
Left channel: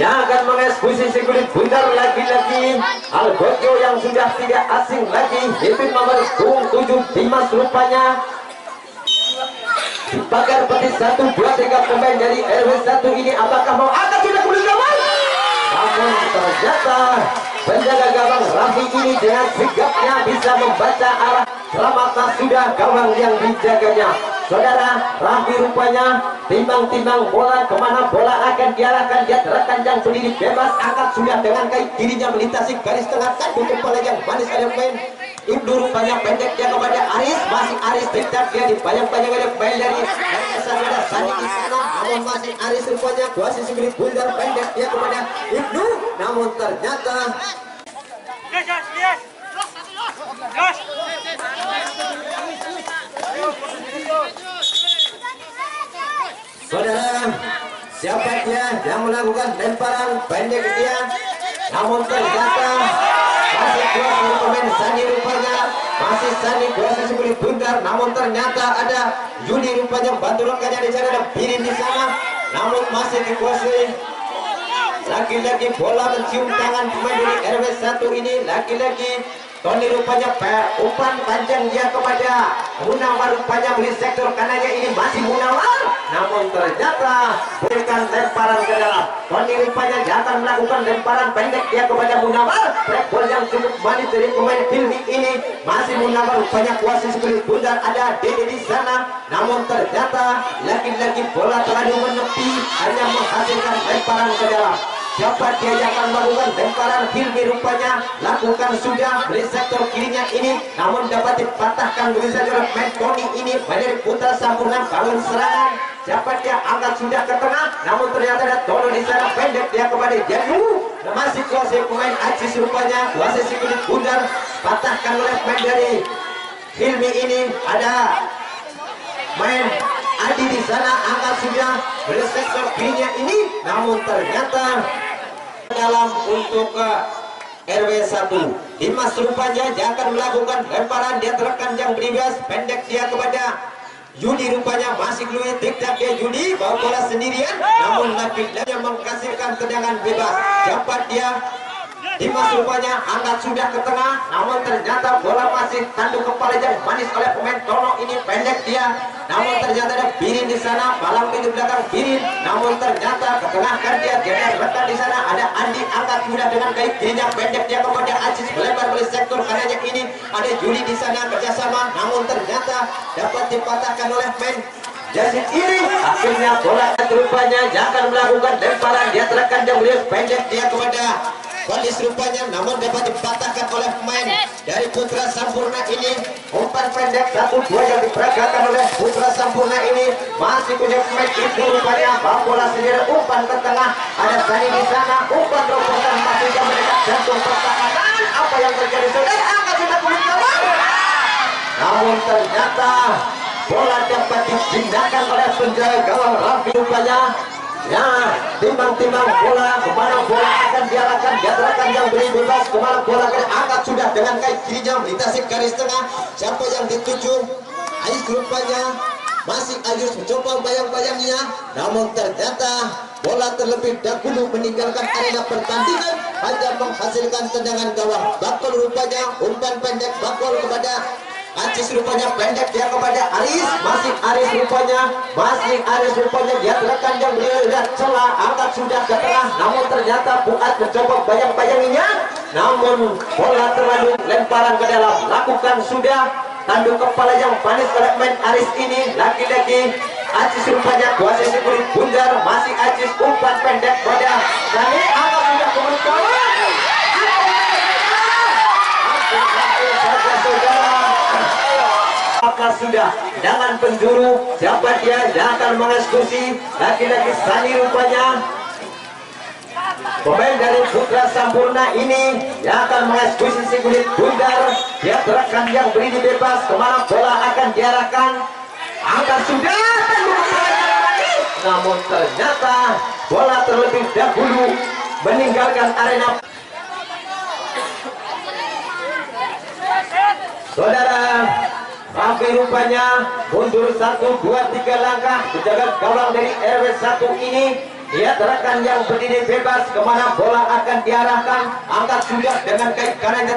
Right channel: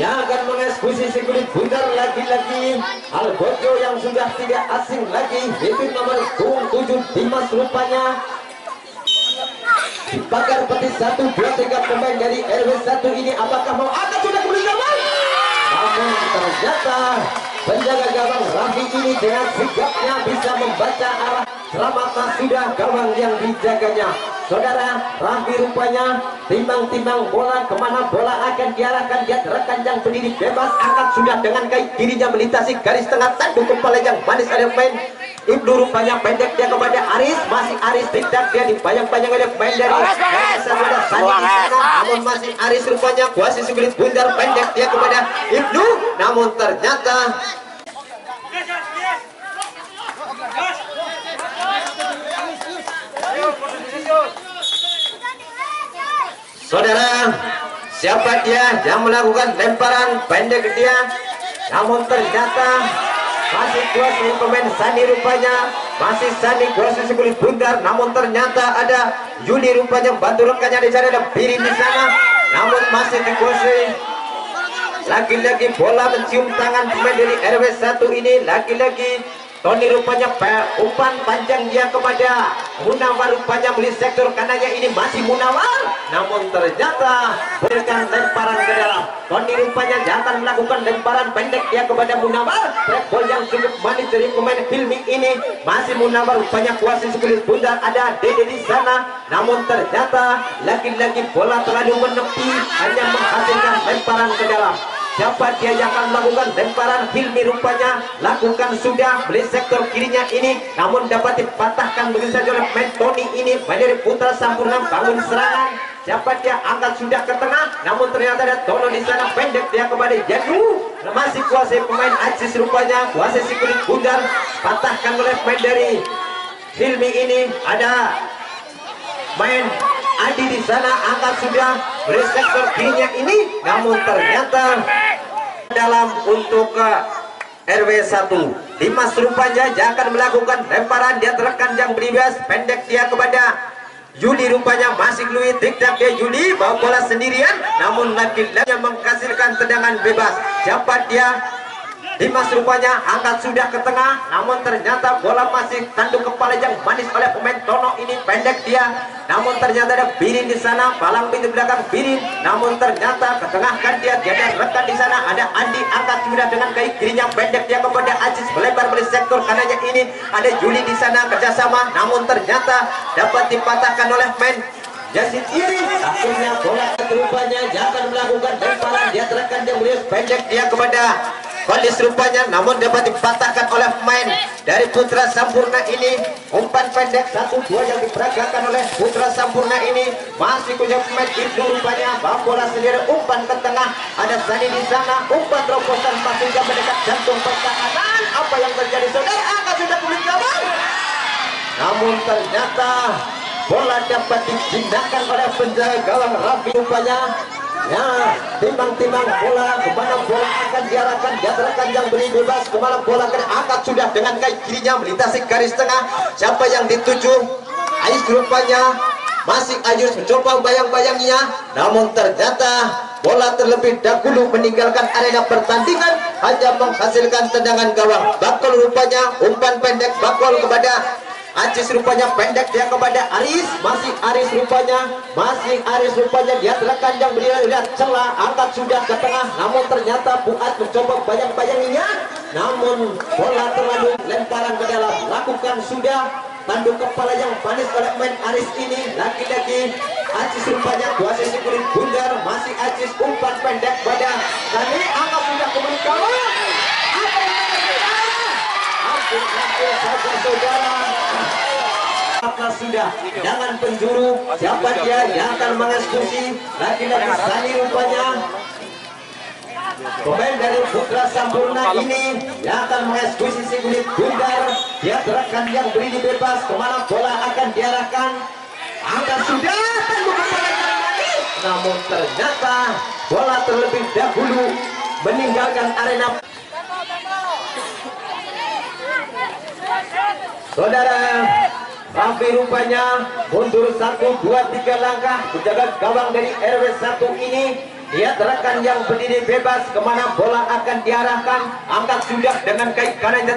yang akan mengeksekusi si kulit bundar? Lagi-lagi Algojo yang sudah tidak asing lagi, itu nomor 7 Dimas rupanya dibakar peti 1, 2, 3 pemain dari RW1 ini. Apakah mau angkat sudah kulit gawang? Namun ternyata penjaga gawang Raffi ini dengan sigapnya bisa membaca arah selamatan sudah gawang yang dijaganya. Saudara, Raffi rupanya timbang-timbang bola kemana bola akan diarahkan. Dia rekan yang berdiri bebas, angkat sudah dengan kaki kirinya melintasi garis tengah, tanduk kepala yang manis ada main. Ibnu rupanya pendek dia kepada Aris, masih Aris tidak dia dibayang-bayang oleh main dari sudah Sani di sana, namun masih Aris rupanya kuasi segelit bundar pendek dia kepada Ibnu, namun ternyata saudara, siapa dia yang melakukan lemparan pendek dia, namun ternyata masih kuasa pemain Sani rupanya, masih Sani kuasa sebelah bundar, namun ternyata ada Yuni rupanya bantu rekannya di sana, ada Birin di sana, namun masih dikuasai. Lagi-lagi bola mencium tangan pemain dari RW1 ini, lagi-lagi Tony rupanya umpan panjang dia kepada Munawar, rupanya beli sektor kanannya ini masih Munawar, namun ternyata berikan lemparan ke dalam. Tony rupanya jangan melakukan lemparan pendek dia kepada Munawar. Trackball yang cukup manis dari pemain Filming ini, masih Munawar rupanya kuasa sebelah bundar, ada Dede di sana, namun ternyata lagi-lagi bola terlalu menepi, hanya menghasilkan lemparan ke dalam. Siapa dia yang akan melakukan lemparan? Hilmi rupanya lakukan sudah beli sektor kirinya ini, namun dapat dipatahkan begitu saja oleh main Tony ini. Dari Putra Sampurna bangun serangan. Siapa dia angkat sudah ke tengah, namun ternyata ada Tono di sana pendek dia kepada Janu. Masih kuasai pemain Ajis rupanya, kuasai si kulit bundar, patahkan oleh main dari Hilmi ini. Ada main Adi di sana, angkat sudah beli sektor kirinya ini, namun ternyata dalam untuk RW1 Dimas rupanya jangan melakukan lemparan, dia terekan yang bebas pendek dia kepada Yuli rupanya, masih Louis tidak ke Yuli bawa bola sendirian, namun lagi-lagi menghasilkan tendangan bebas. Siapa dia? Dimas rupanya angkat sudah ke tengah, namun ternyata bola masih tanduk kepala yang manis oleh pemain Tono ini, pendek dia, namun ternyata ada Birin di sana, palang pintu belakang Birin, namun ternyata ketengahkan dia, jadi rekan di sana ada Andi, angkat sudah dengan kaki kirinya pendek dia kepada Aziz, melebar beli sektor kanannya ini, ada Juli di sana kerjasama, namun ternyata dapat dipatahkan oleh main Yazid ini. Akhirnya bola rupanya jangan melakukan lemparan, dia terekan yang beliau pendek dia kepada Kondis rupanya, namun dapat dipatahkan oleh pemain dari Putra Sampurna ini. Umpan pendek 1-2 yang diperagakan oleh Putra Sampurna ini, masih punya pemain itu rupanya bawa bola sendiri, umpan ke tengah, ada Sani di sana, umpan terobosan masih yang mendekat jantung pertahanan. Apa yang terjadi saudara? Angkat sudah kulit gawang, namun ternyata bola dapat dijinakkan oleh penjaga gawang Raffi rupanya. Ya, timbang-timbang bola, kemana bola akan diarahkan, dia terekan yang beri bebas, kemana bola akan angkat sudah dengan kaki kirinya melintasi garis tengah. Siapa yang dituju? Ais rupanya, masih Ayus mencoba bayang-bayangnya, namun ternyata bola terlebih dahulu meninggalkan arena pertandingan, hanya menghasilkan tendangan gawang. Bakol rupanya, umpan pendek Bakol kepada Aziz rupanya pendek dia kepada Aris, masih Aris rupanya, dia terekan yang beliau lihat celah, angkat sudah ke tengah, namun ternyata Fuad mencoba bayang-bayanginya, namun bola terlalu lemparan ke dalam, lakukan sudah tanduk kepala yang manis oleh main Aris ini. Lagi-lagi Aziz rupanya kuasa kulit bundar, masih Aziz, umpan pendek pada Sani, angkat sudah ke kawan. Saudara, maka sudah jangan penjuru. Siapa dia yang akan mengeksekusi? Lagi-lagi Sani rupanya, pemain dari Putra Sampurna ini yang akan mengeksekusi si kulit bundar. Dia terekan yang beri bebas, kemana bola akan diarahkan, angkat sudah tanduk kepala yang manis, namun ternyata bola terlebih dahulu meninggalkan arena. Saudara, Tapi rupanya mundur 1, 2, 3 langkah menjaga gawang dari RW 1 ini. Lihat rekan yang berdiri bebas kemana bola akan diarahkan. Angkat sudah dengan kaki kanannya,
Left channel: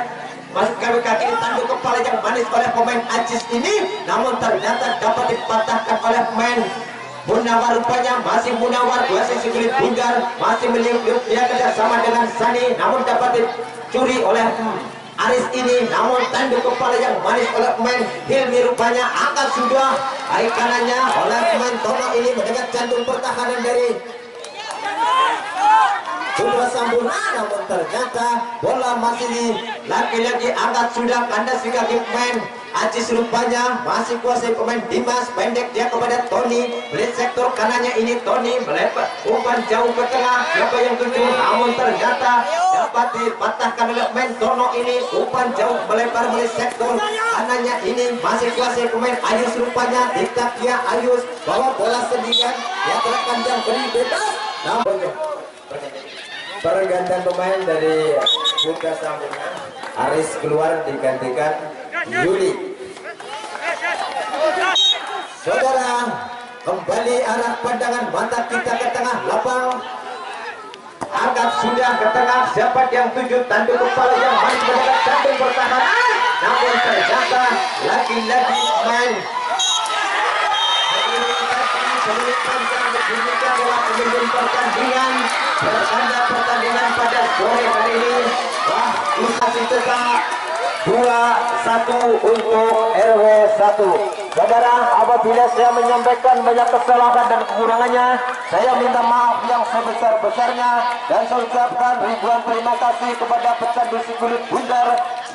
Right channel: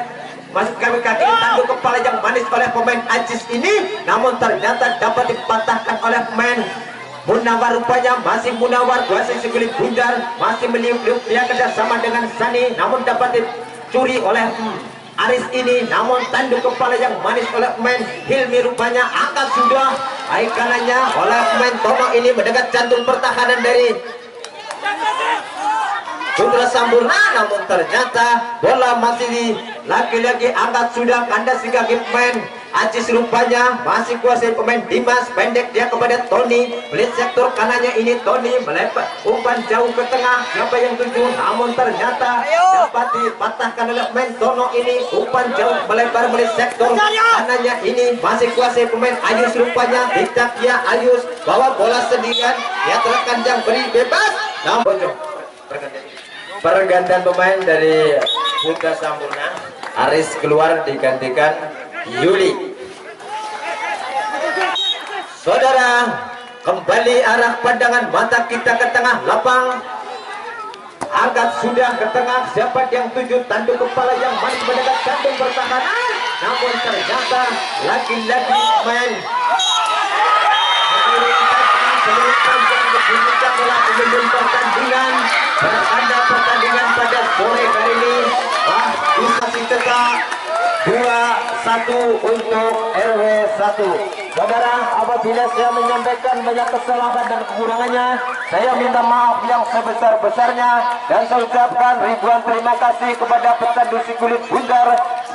masuk kaki tanduk kepala yang manis oleh pemain Ajis ini, namun ternyata dapat dipatahkan oleh pemain Munawar. Rupanya masih Munawar, masih Sikulit Bundar, masih meniup-niup dia kerjasama dengan Sani, namun dapat dicuri oleh Aris ini, namun tanduk kepala yang manis oleh pemain Hilmi. Rupanya angkat sudah kaki kanannya oleh pemain Tomo ini mendekat jantung pertahanan dari Putra Sampurna, namun ternyata bola masih lagi-lagi angkat sudah kandas di kaki pemain Ajis. Rupanya masih kuasai pemain Dimas, pendek dia kepada Tony, melihat sektor kanannya ini Tony melepas umpan jauh ke tengah, siapa yang tuju, namun ternyata dapat dipatahkan oleh pemain Tono ini, umpan jauh melebar melihat sektor kanannya ini, masih kuasai pemain Ayus. Rupanya tidak dia Ayus bawa bola sendirian, dia terkadang yang beri bebas, namun pergantian pemain dari Putra Sampurna. Aris keluar digantikan Yuli. Saudara, kembali arah pandangan mata kita ke tengah lapang. Angkat sudah ke tengah, siapa yang tuju, tanduk kepala yang manis mendekat jantung pertahanan, namun ternyata lagi-lagi main pertandingan bertanda pertandingan pada sore hari ini. Masih tetap 2-1 untuk RW 1. Saudara, apabila saya menyampaikan banyak kesalahan dan kekurangannya, saya minta maaf yang sebesar-besarnya, dan saya ucapkan ribuan terima kasih kepada pecandu Sikulit Bundar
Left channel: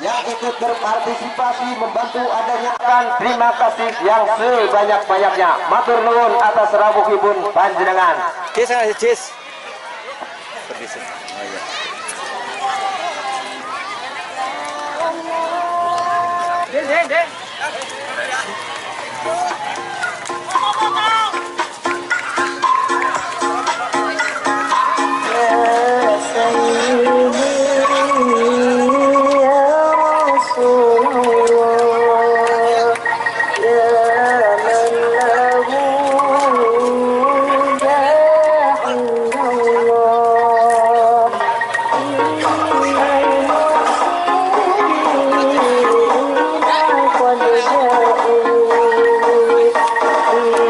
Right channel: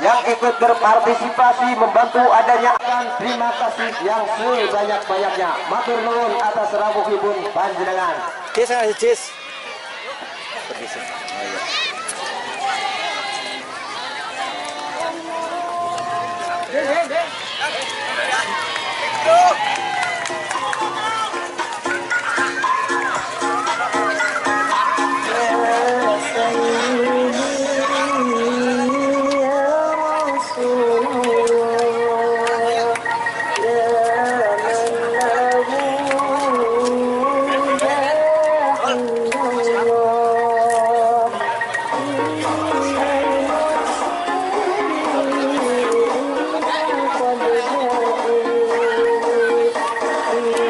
yang ikut berpartisipasi membantu adanya akan. Terima kasih yang sebanyak-banyaknya. Matur nuwun atas rawuhipun panjenengan. Jis.